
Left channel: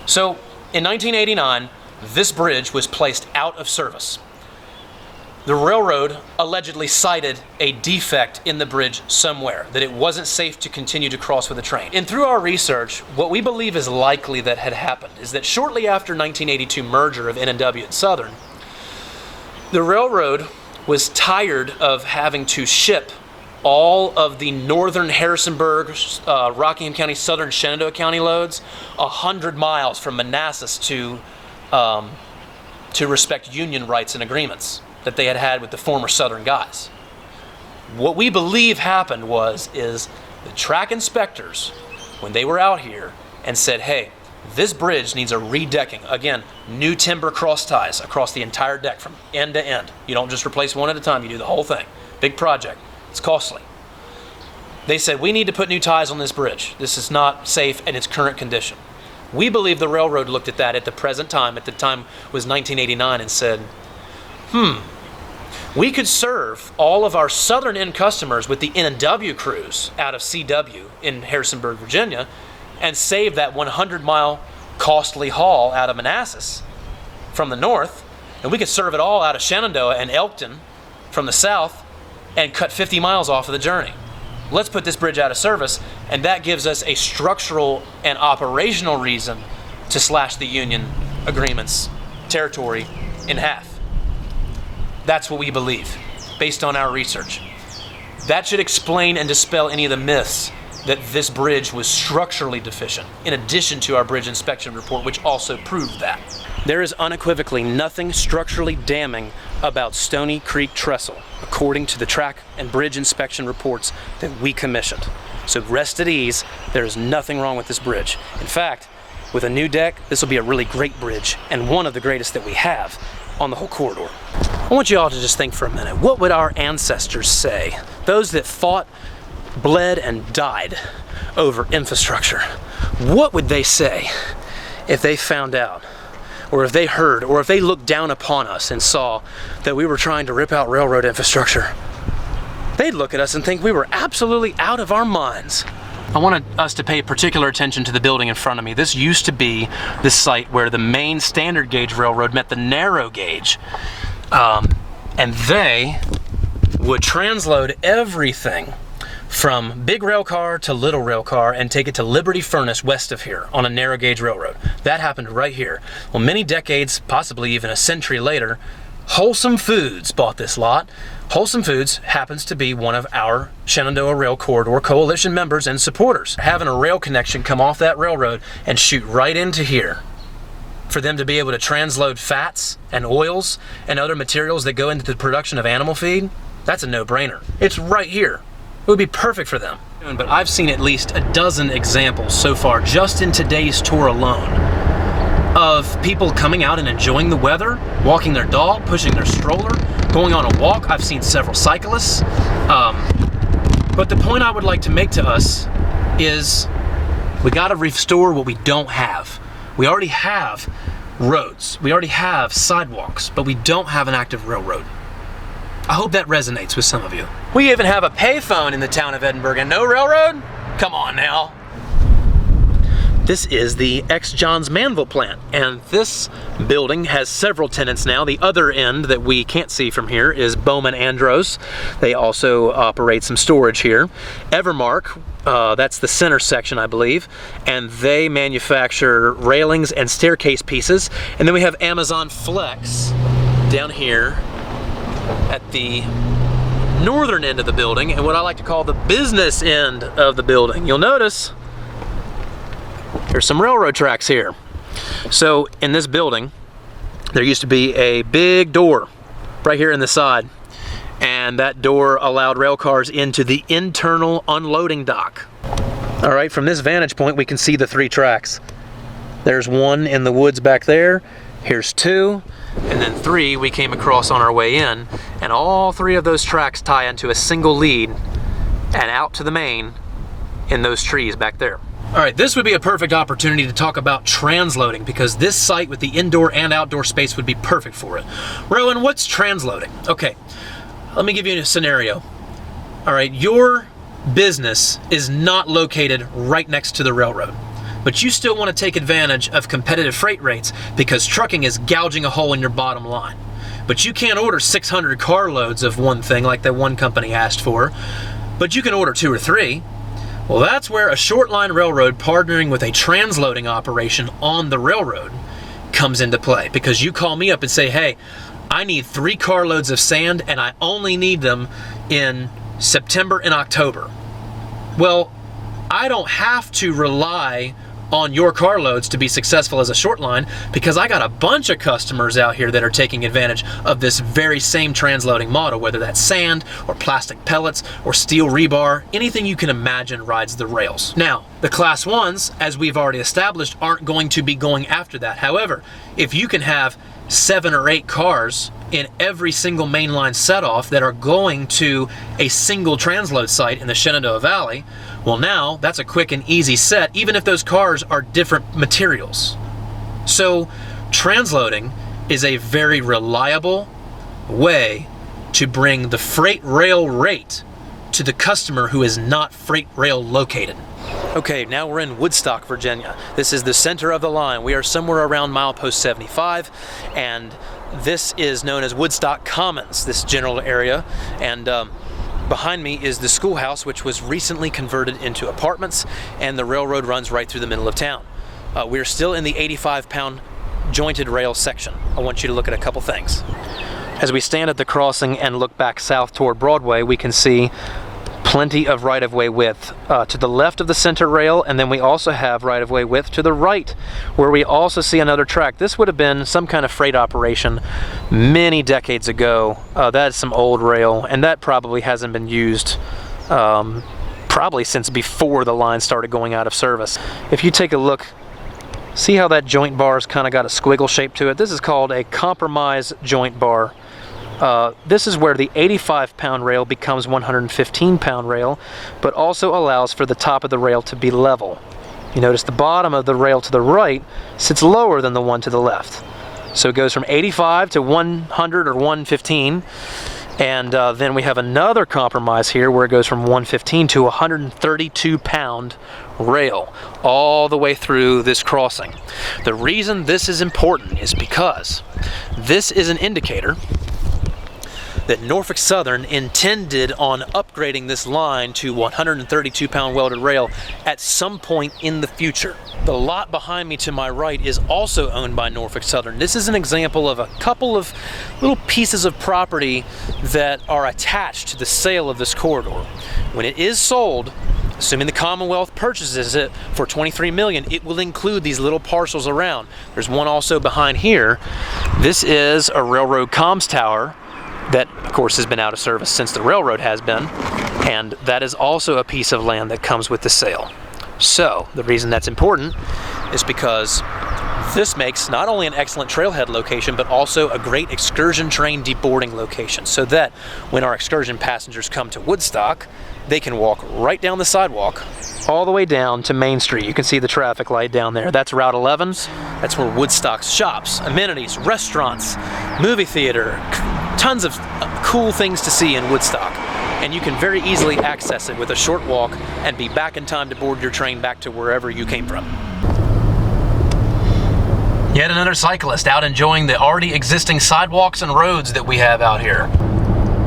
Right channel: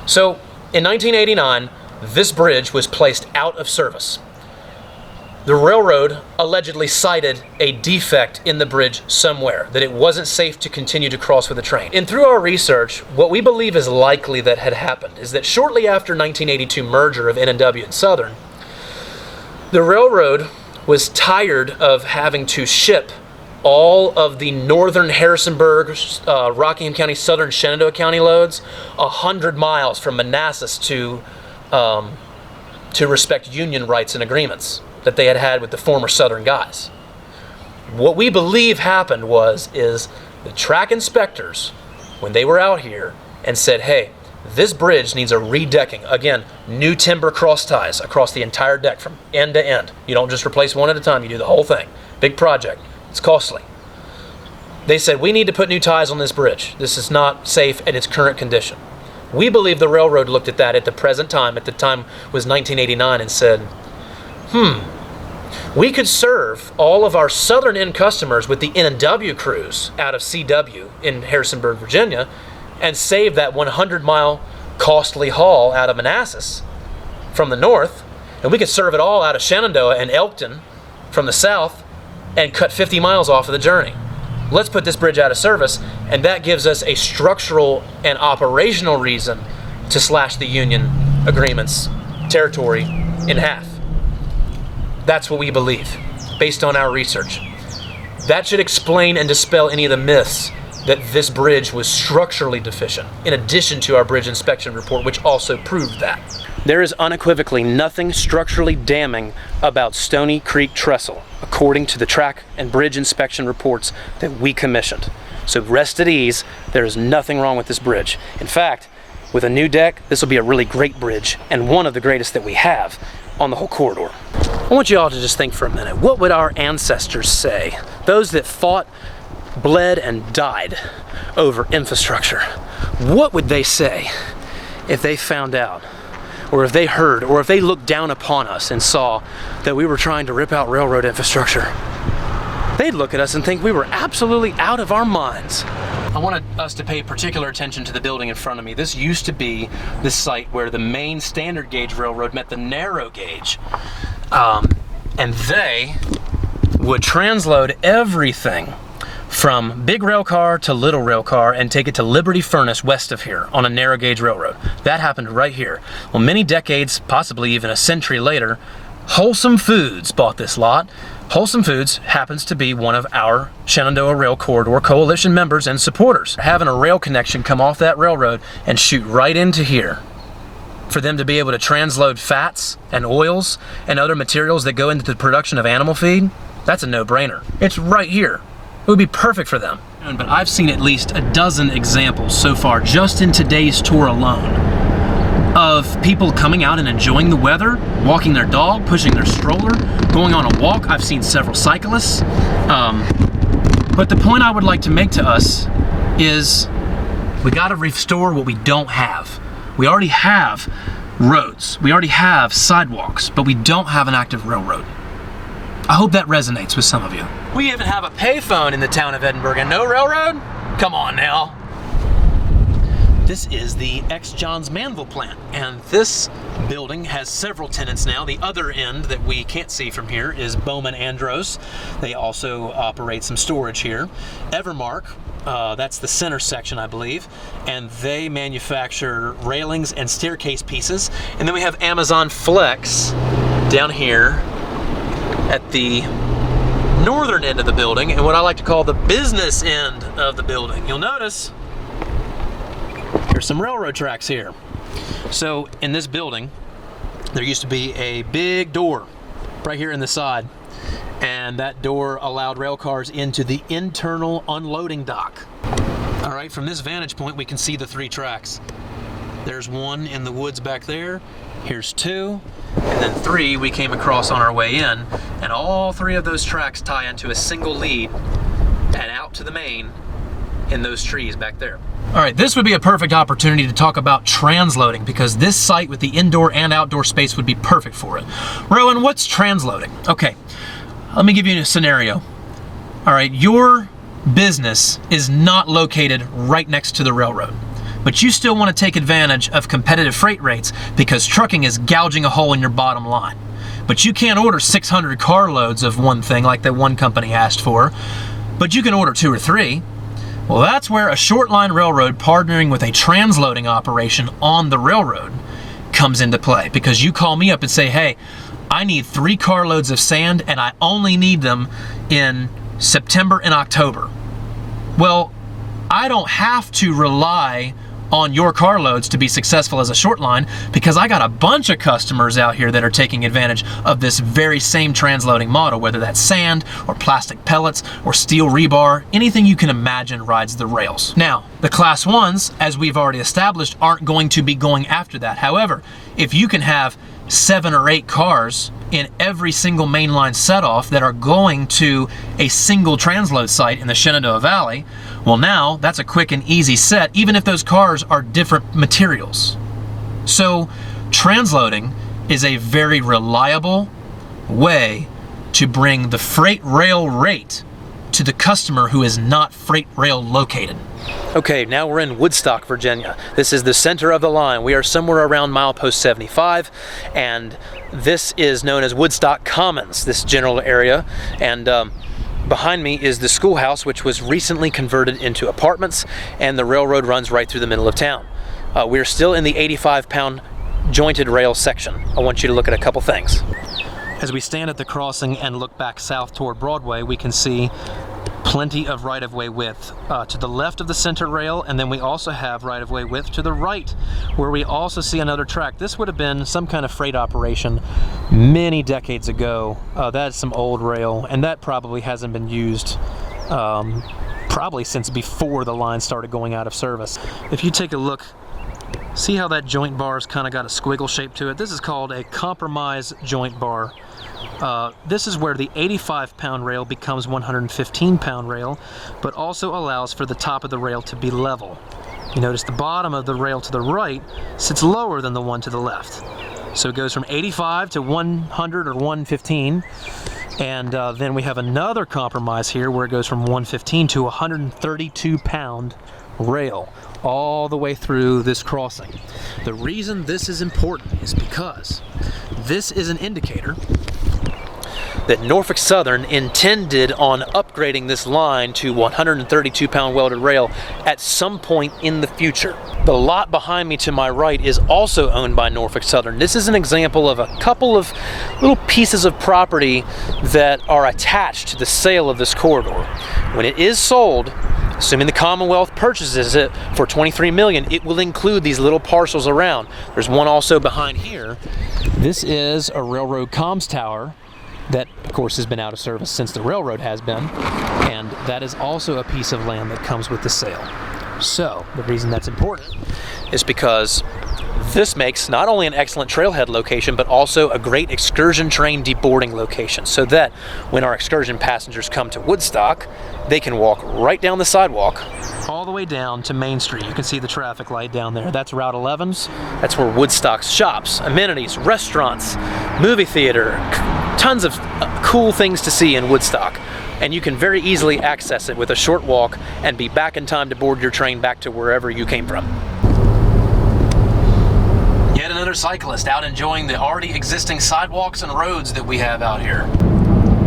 So, in 1989, this bridge was placed out of service. The railroad allegedly cited a defect in the bridge somewhere, that it wasn't safe to continue to cross with a train. And through our research, what we believe is likely that had happened is that shortly after 1982 merger of N&W and Southern, the railroad was tired of having to ship all of the northern Harrisonburg, Rockingham County, southern Shenandoah County loads 100 miles from Manassas to respect union rights and agreements that they had with the former southern guys. What we believe happened is the track inspectors, when they were out here and said, hey, this bridge needs a redecking. Again, new timber cross ties across the entire deck from end to end. You don't just replace one at a time, you do the whole thing. Big project. It's costly. They said, we need to put new ties on this bridge. This is not safe in its current condition. We believe the railroad looked at that at the present time, at the time was 1989, and said, we could serve all of our southern end customers with the N&W crews out of CW in Harrisonburg, Virginia, and save that 100-mile costly haul out of Manassas from the north, and we could serve it all out of Shenandoah and Elkton from the south and cut 50 miles off of the journey. Let's put this bridge out of service, and that gives us a structural and operational reason to slash the union agreement's territory in half. That's what we believe, based on our research. That should explain and dispel any of the myths that this bridge was structurally deficient, in addition to our bridge inspection report, which also proved that. There is unequivocally nothing structurally damning about Stony Creek Trestle, according to the track and bridge inspection reports that we commissioned. So rest at ease, there is nothing wrong with this bridge. In fact, with a new deck, this will be a really great bridge, and one of the greatest that we have on the whole corridor. I want you all to just think for a minute. What would our ancestors say? Those that fought, bled, and died over infrastructure. What would they say if they found out, or if they heard, or if they looked down upon us and saw that we were trying to rip out railroad infrastructure? They'd look at us and think we were absolutely out of our minds. I wanted us to pay particular attention to the building in front of me. This used to be the site where the main standard gauge railroad met the narrow gauge. And they would transload everything from big rail car to little rail car and take it to Liberty Furnace west of here on a narrow gauge railroad. That happened right here. Well, many decades, possibly even a century later, Wholesome Foods bought this lot. Wholesome Foods happens to be one of our Shenandoah Rail Corridor Coalition members and supporters. Having a rail connection come off that railroad and shoot right into here for them to be able to transload fats and oils and other materials that go into the production of animal feed, that's a no-brainer. It's right here. It would be perfect for them. But I've seen at least a dozen examples so far, just in today's tour alone, of people coming out and enjoying the weather, walking their dog, pushing their stroller, going on a walk. I've seen several cyclists. But the point I would like to make to us is we gotta restore what we don't have. We already have roads, we already have sidewalks, but we don't have an active railroad. I hope that resonates with some of you. We even have a payphone in the town of Edinburgh and no railroad? Come on now. This is the ex-Johns Manville plant, and this building has several tenants now. The other end that we can't see from here is Bowman Andros. They also operate some storage here. Evermark, that's the center section, I believe, and they manufacture railings and staircase pieces. And then we have Amazon Flex down here at the northern end of the building, and what I like to call the business end of the building. You'll notice there's some railroad tracks here. So in this building, there used to be a big door right here in the side, and that door allowed rail cars into the internal unloading dock. All right, from this vantage point, we can see the 3 tracks. There's one in the woods back there, here's 2, and then 3 we came across on our way in, and all 3 of those tracks tie into a single lead and out to the main in those trees back there. All right, this would be a perfect opportunity to talk about transloading, because this site with the indoor and outdoor space would be perfect for it. Rowan, what's transloading? Okay, let me give you a scenario. All right, your business is not located right next to the railroad, but you still want to take advantage of competitive freight rates because trucking is gouging a hole in your bottom line. But you can't order 600 carloads of one thing like that one company asked for, but you can order 2 or 3. Well, that's where a short line railroad partnering with a transloading operation on the railroad comes into play, because you call me up and say, hey, I need 3 carloads of sand and I only need them in September and October. Well, I don't have to rely on your carloads to be successful as a short line, because I got a bunch of customers out here that are taking advantage of this very same transloading model, whether that's sand or plastic pellets or steel rebar, anything you can imagine rides the rails. Now, the class 1s, as we've already established, aren't going to be going after that. However, if you can have 7 or 8 cars in every single mainline setoff that are going to a single transload site in the Shenandoah Valley, well, now that's a quick and easy set, even if those cars are different materials. So transloading is a very reliable way to bring the freight rail rate to the customer who is not freight rail located. Okay, now we're in Woodstock, Virginia. This is the center of the line. We are somewhere around milepost 75, and this is known as Woodstock Commons, this general area. And behind me is the schoolhouse, which was recently converted into apartments, and the railroad runs right through the middle of town. We're still in the 85-pound jointed rail section. I want you to look at a couple things. As we stand at the crossing and look back south toward Broadway, we can see plenty of right-of-way width to the left of the center rail, and then we also have right-of-way width to the right, where we also see another track. This would have been some kind of freight operation many decades ago. That's some old rail, and that probably hasn't been used probably since before the line started going out of service. If you take a look, see how that joint bar's kind of got a squiggle shape to it? This is called a compromise joint bar. This is where the 85-pound rail becomes 115-pound rail, but also allows for the top of the rail to be level. You notice the bottom of the rail to the right sits lower than the one to the left. So it goes from 85 to 100 or 115, and then we have another compromise here where it goes from 115 to 132-pound rail all the way through this crossing. The reason this is important is because this is an indicator that Norfolk Southern intended on upgrading this line to 132-pound welded rail at some point in the future. The lot behind me to my right is also owned by Norfolk Southern. This is an example of a couple of little pieces of property that are attached to the sale of this corridor. When it is sold, assuming the Commonwealth purchases it for $23 million, it will include these little parcels around. There's one also behind here. This is a railroad comms tower that, of course, has been out of service since the railroad has been, and that is also a piece of land that comes with the sale. So the reason that's important is because this makes not only an excellent trailhead location, but also a great excursion train deboarding location, so that when our excursion passengers come to Woodstock, they can walk right down the sidewalk all the way down to Main Street. You can see the traffic light down there. That's Route 11's. That's where Woodstock's shops, amenities, restaurants, movie theater, tons of cool things to see in Woodstock. And you can very easily access it with a short walk and be back in time to board your train back to wherever you came from. Yet another cyclist out enjoying the already existing sidewalks and roads that we have out here.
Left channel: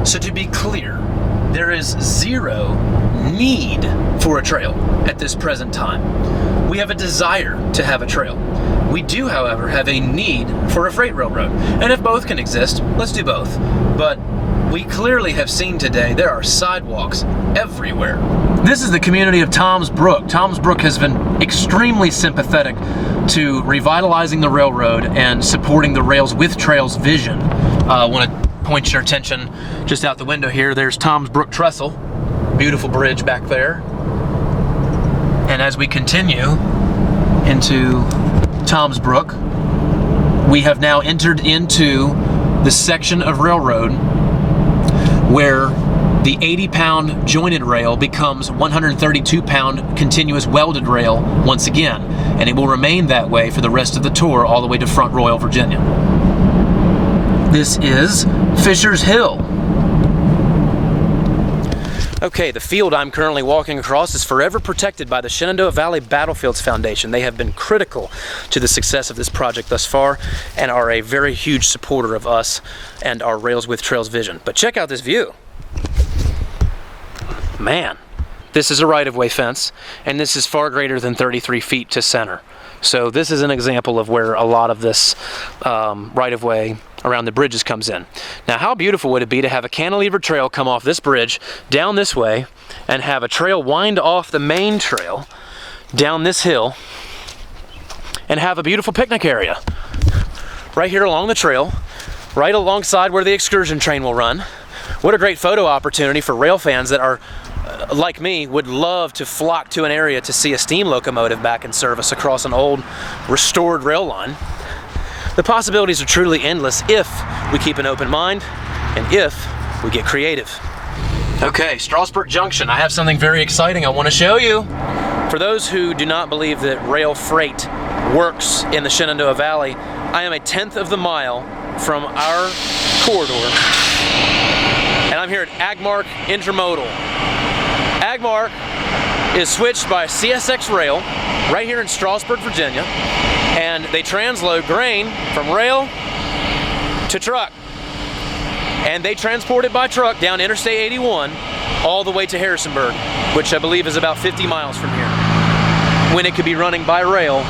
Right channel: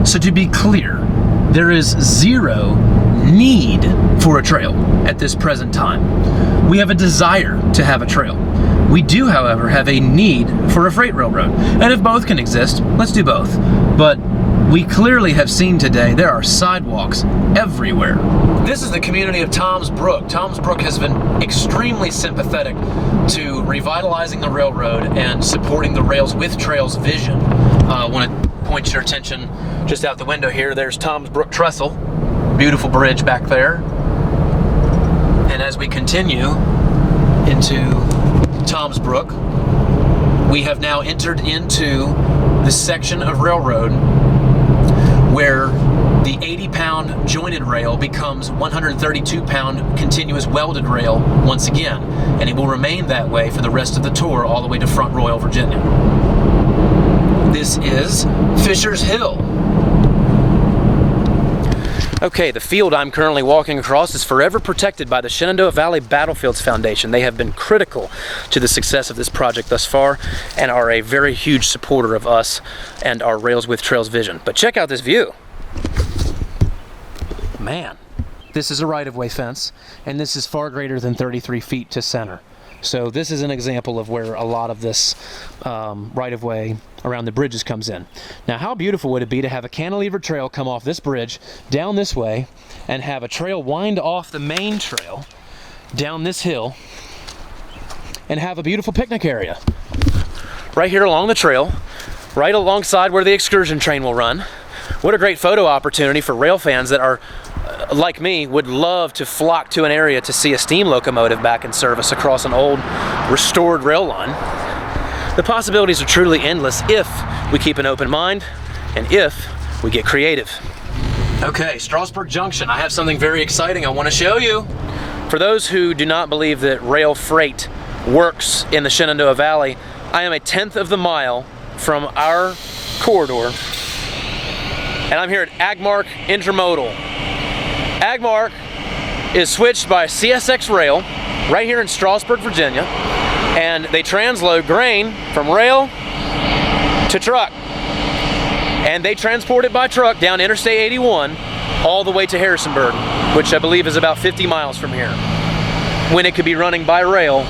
So to be clear, there is zero need for a trail at this present time. We have a desire to have a trail. We do, however, have a need for a freight railroad. And if both can exist, let's do both. But we clearly have seen today there are sidewalks everywhere. This is the community of Tom's Brook. Tom's Brook has been extremely sympathetic to revitalizing the railroad and supporting the Rails with Trails vision. I want to point your attention just out the window here. There's Tom's Brook Trestle. Beautiful bridge back there. And as we continue into Tom's Brook, we have now entered into the section of railroad where the 80-pound jointed rail becomes 132-pound continuous welded rail once again, and it will remain that way for the rest of the tour all the way to Front Royal, Virginia. This is Fisher's Hill. Okay, the field I'm currently walking across is forever protected by the Shenandoah Valley Battlefields Foundation. They have been critical to the success of this project thus far and are a very huge supporter of us and our Rails with Trails vision. But check out this view. Man, This is a right-of-way fence, and this is far greater than 33 feet to center. So this is an example of where a lot of this right-of-way around the bridges comes in. Now, how beautiful would it be to have a cantilever trail come off this bridge down this way and have a trail wind off the main trail down this hill and have a beautiful picnic area right here along the trail, right alongside where the excursion train will run. What a great photo opportunity for rail fans that are, like me, would love to flock to an area to see a steam locomotive back in service across an old restored rail line. The possibilities are truly endless if we keep an open mind and if we get creative. Okay, Strasburg Junction. I have something very exciting I want to show you. For those who do not believe that rail freight works in the Shenandoah Valley, I am a 1/10 of the mile from our corridor, and I'm here at Agmark Intermodal. Agmark is switched by CSX Rail right here in Strasburg, Virginia, and they transload grain from rail to truck. And they transport it by truck down Interstate 81 all the way to Harrisonburg, which I believe is about 50 miles from here, when it could be running by rail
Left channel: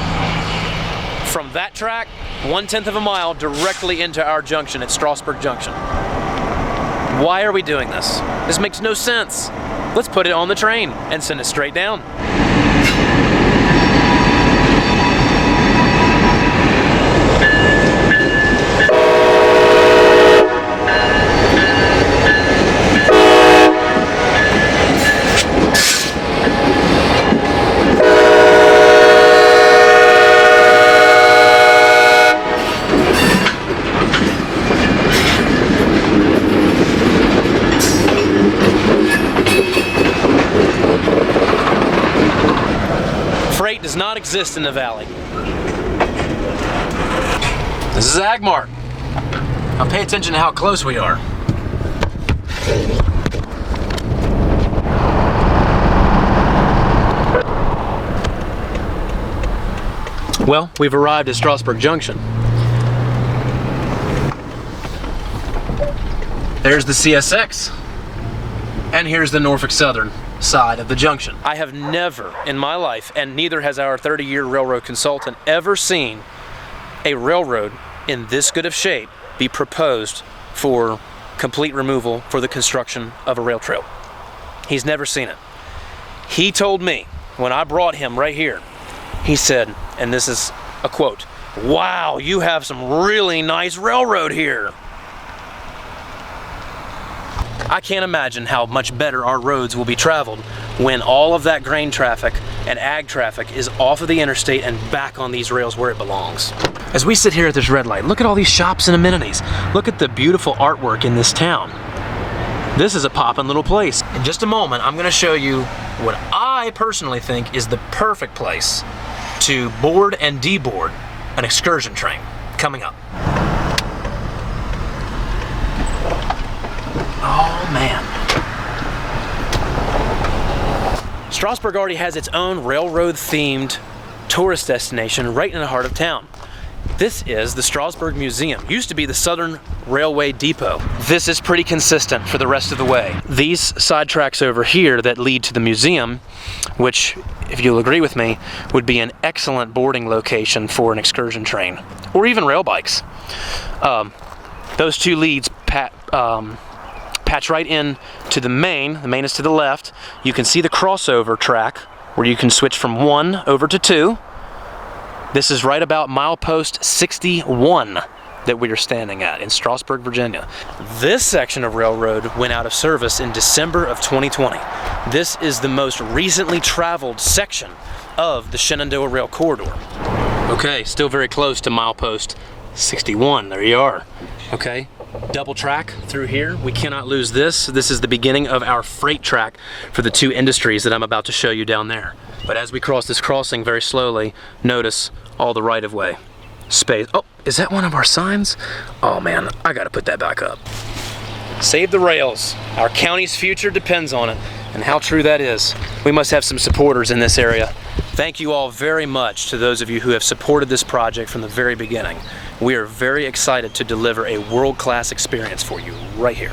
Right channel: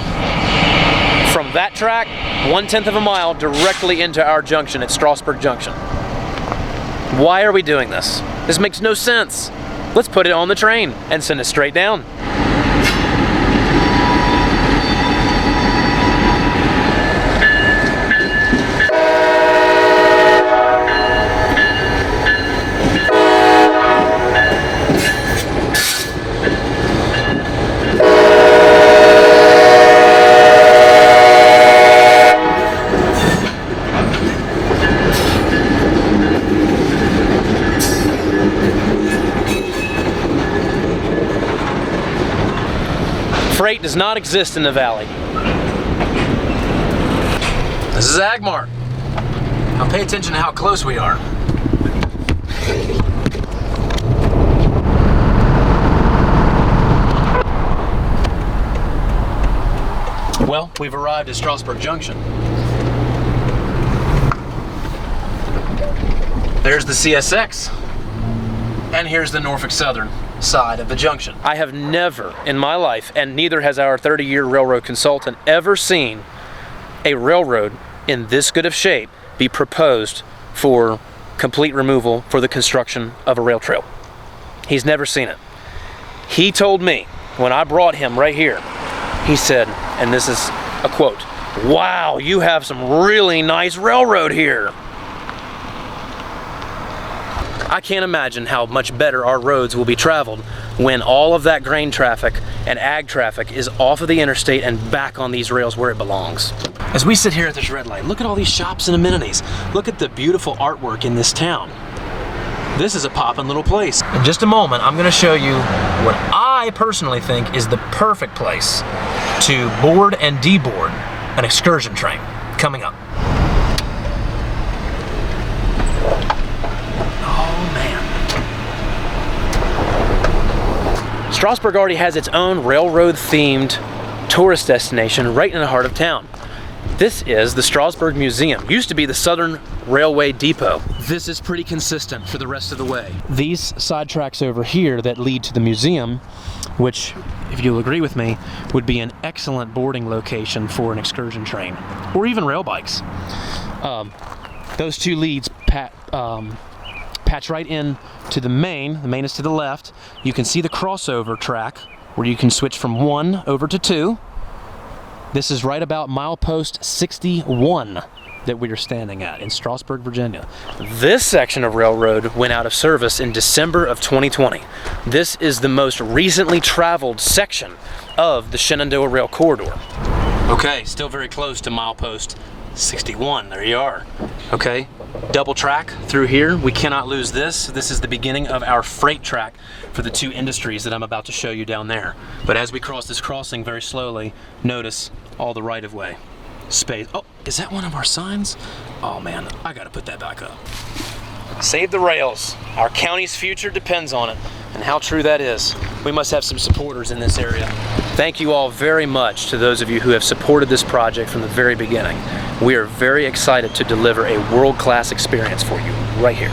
from that track 1/10 of a mile directly into our junction at Strasburg Junction. Why are we doing this? This makes no sense. Let's put it on the train and send it straight down. Freight does not exist in the valley. This is Agmark. Now pay attention to how close we are. Well, we've arrived at Strasburg Junction. There's the CSX, and here's the Norfolk Southern side of the junction. I have never in my life, and neither has our 30-year railroad consultant, ever seen a railroad in this good of shape be proposed for complete removal for the construction of a rail trail. He's never seen it. He told me when I brought him right here, he said, and this is a quote, "Wow, you have some really nice railroad here." I can't imagine how much better our roads will be traveled when all of that grain traffic and ag traffic is off of the interstate and back on these rails where it belongs. As we sit here at this red light, look at all these shops and amenities. Look at the beautiful artwork in this town. This is a poppin' little place. In just a moment, I'm gonna show you what I personally think is the perfect place to board and deboard an excursion train. Coming up. Oh man. Strasburg already has its own railroad-themed tourist destination right in the heart of town. This is the Strasburg Museum. Used to be the Southern Railway Depot. This is pretty consistent for the rest of the way. These side tracks over here that lead to the museum, which, if you'll agree with me, would be an excellent boarding location for an excursion train, or even rail bikes. Those two leads patch right in to the main. The main is to the left. You can see the crossover track where you can switch from 1 over to 2. This is right about milepost 61 that we are standing at in Strasburg, Virginia. This section of railroad went out of service in December of 2020. This is the most recently traveled section of the Shenandoah Rail Corridor. Okay, still very close to milepost 61. There you are. Okay, double track through here. We cannot lose this. This is the beginning of our freight track for the two industries that I'm about to show you down there. But as we cross this crossing very slowly, notice all the right-of-way space. Oh, is that one of our signs? Oh man, I gotta put that back up. Save the rails. Our county's future depends on it. And how true that is. We must have some supporters in this area. Thank you all very much to those of you who have supported this project from the very beginning. We are very excited to deliver a world-class experience for you right here.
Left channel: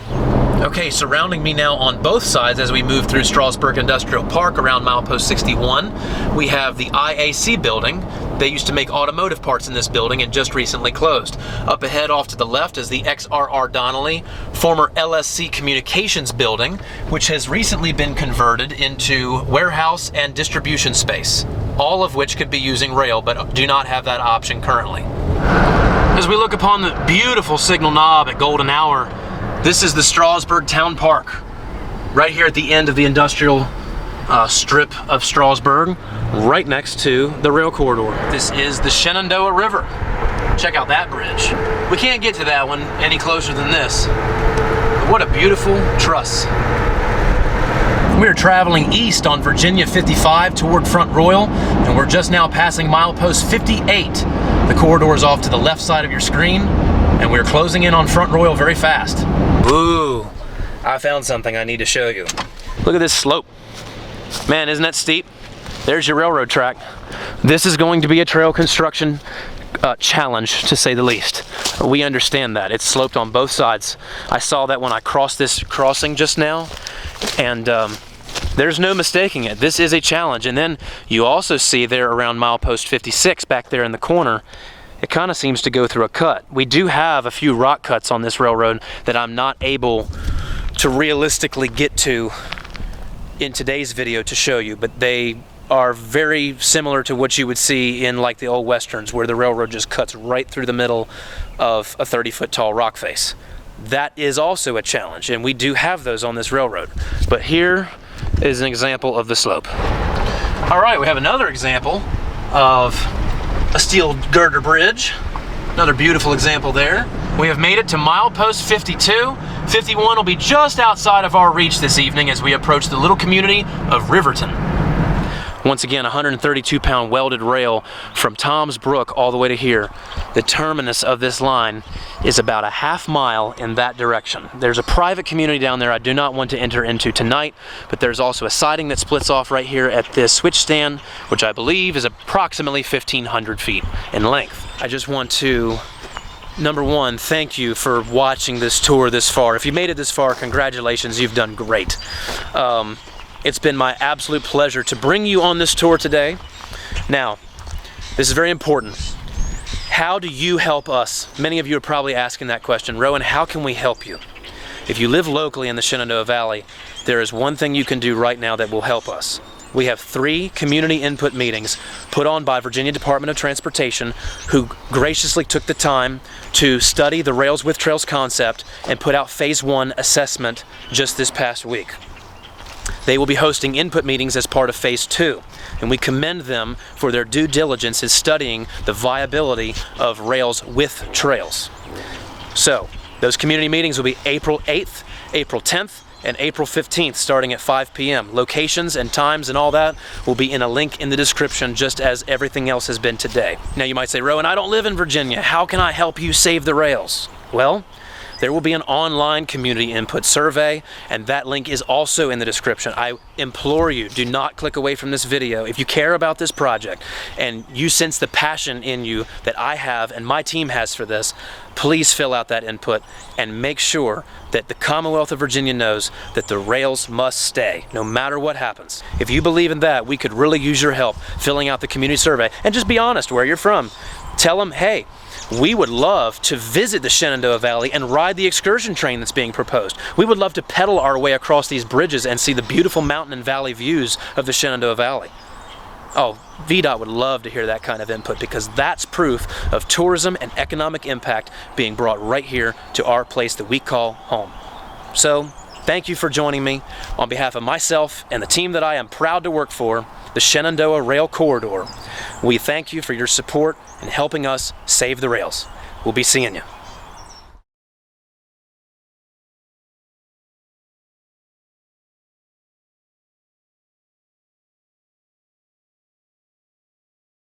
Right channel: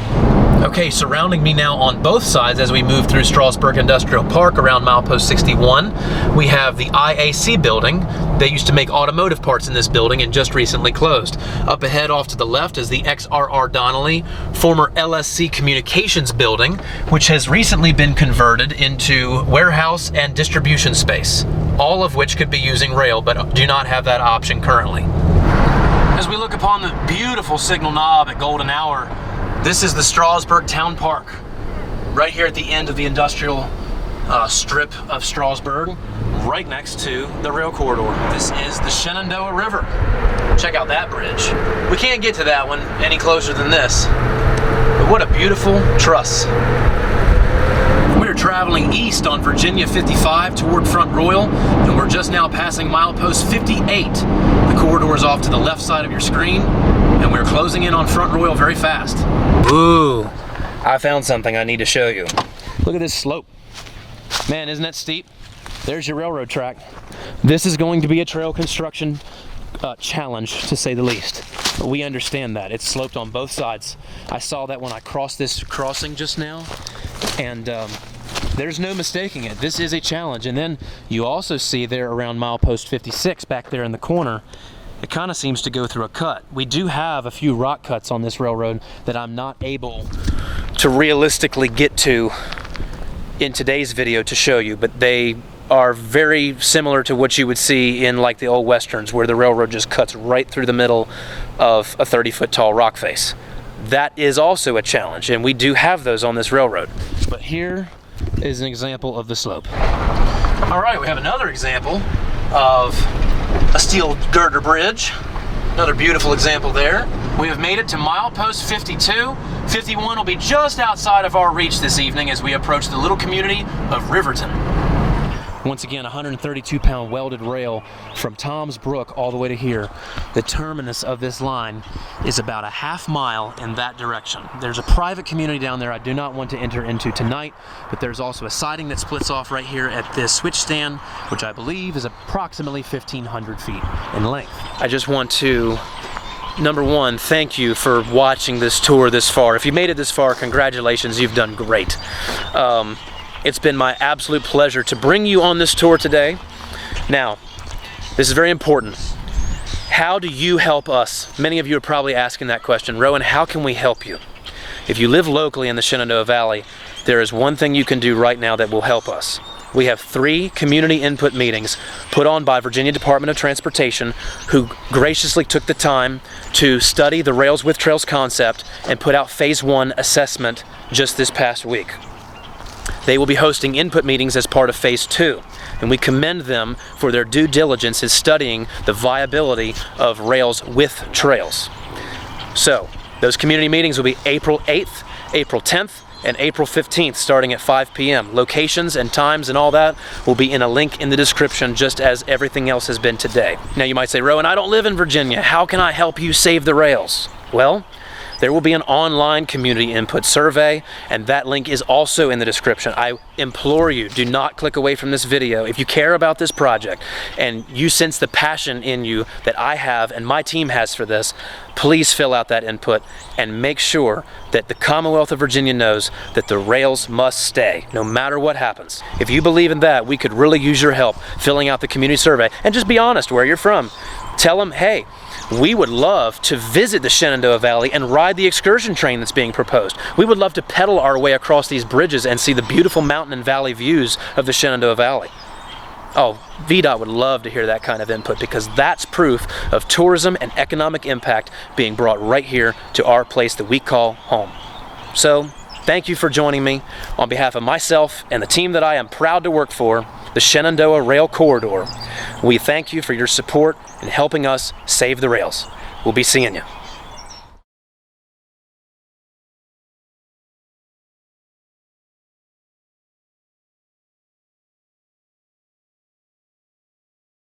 Okay, surrounding me now on both sides as we move through Strasburg Industrial Park around milepost 61, we have the IAC building. They used to make automotive parts in this building and just recently closed. Up ahead off to the left is the XRR Donnelly, former LSC Communications building, which has recently been converted into warehouse and distribution space, all of which could be using rail but do not have that option currently. As we look upon the beautiful signal knob at golden hour, this is the Strasburg Town Park, right here at the end of the industrial strip of Strasburg, right next to the rail corridor. This is the Shenandoah River. Check out that bridge. We can't get to that one any closer than this, but what a beautiful truss. We're traveling east on Virginia 55 toward Front Royal, and we're just now passing milepost 58. The corridor is off to the left side of your screen, and we're closing in on Front Royal very fast. Ooh, I found something I need to show you. Look at this slope. Man, isn't that steep? There's your railroad track. This is going to be a trail construction challenge, to say the least. We understand that. It's sloped on both sides. I saw that when I crossed this crossing just now, and there's no mistaking it. This is a challenge. And then you also see there around milepost 56 back there in the corner, it kind of seems to go through a cut. We do have a few rock cuts on this railroad that I'm not able to realistically get to in today's video to show you, but they are very similar to what you would see in like the old westerns, where the railroad just cuts right through the middle of a 30-foot tall rock face. That is also a challenge, and we do have those on this railroad. But here is an example of the slope. All right, we have another example of a steel girder bridge. Another beautiful example there. We have made it to milepost 52. 51 will be just outside of our reach this evening as we approach the little community of Riverton. Once again, 132-pound welded rail from Tom's Brook all the way to here. The terminus of this line is about a half mile in that direction. There's a private community down there I do not want to enter into tonight, but there's also a siding that splits off right here at this switch stand, which I believe is approximately 1,500 feet in length. I just want to, number one, thank you for watching this tour this far. If you made it this far, congratulations, you've done great. It's been my absolute pleasure to bring you on this tour today. Now, this is very important. How do you help us? Many of you are probably asking that question. Rowan, how can we help you? If you live locally in the Shenandoah Valley, there is one thing you can do right now that will help us. We have 3 community input meetings put on by Virginia Department of Transportation, who graciously took the time to study the Rails with Trails concept and put out phase 1 assessment just this past week. They will be hosting input meetings as part of phase 2, and we commend them for their due diligence in studying the viability of rails with trails. So, those community meetings will be April 8th, April 10th, and April 15th starting at 5 p.m. Locations and times and all that will be in a link in the description, just as everything else has been today. Now you might say, Rowan, I don't live in Virginia. How can I help you save the rails? Well, there will be an online community input survey, and that link is also in the description. I implore you, do not click away from this video. If you care about this project and you sense the passion in you that I have and my team has for this, please fill out that input and make sure that the Commonwealth of Virginia knows that the rails must stay, no matter what happens. If you believe in that, we could really use your help filling out the community survey, and just be honest where you're from. Tell them, hey, we would love to visit the Shenandoah Valley and ride the excursion train that's being proposed. We would love to pedal our way across these bridges and see the beautiful mountain and valley views of the Shenandoah Valley. Oh, VDOT would love to hear that kind of input, because that's proof of tourism and economic impact being brought right here to our place that we call home. So, thank you for joining me. On behalf of myself and the team that I am proud to work for, the Shenandoah Rail Corridor, we thank you for your support in helping us save the rails. We'll be seeing you.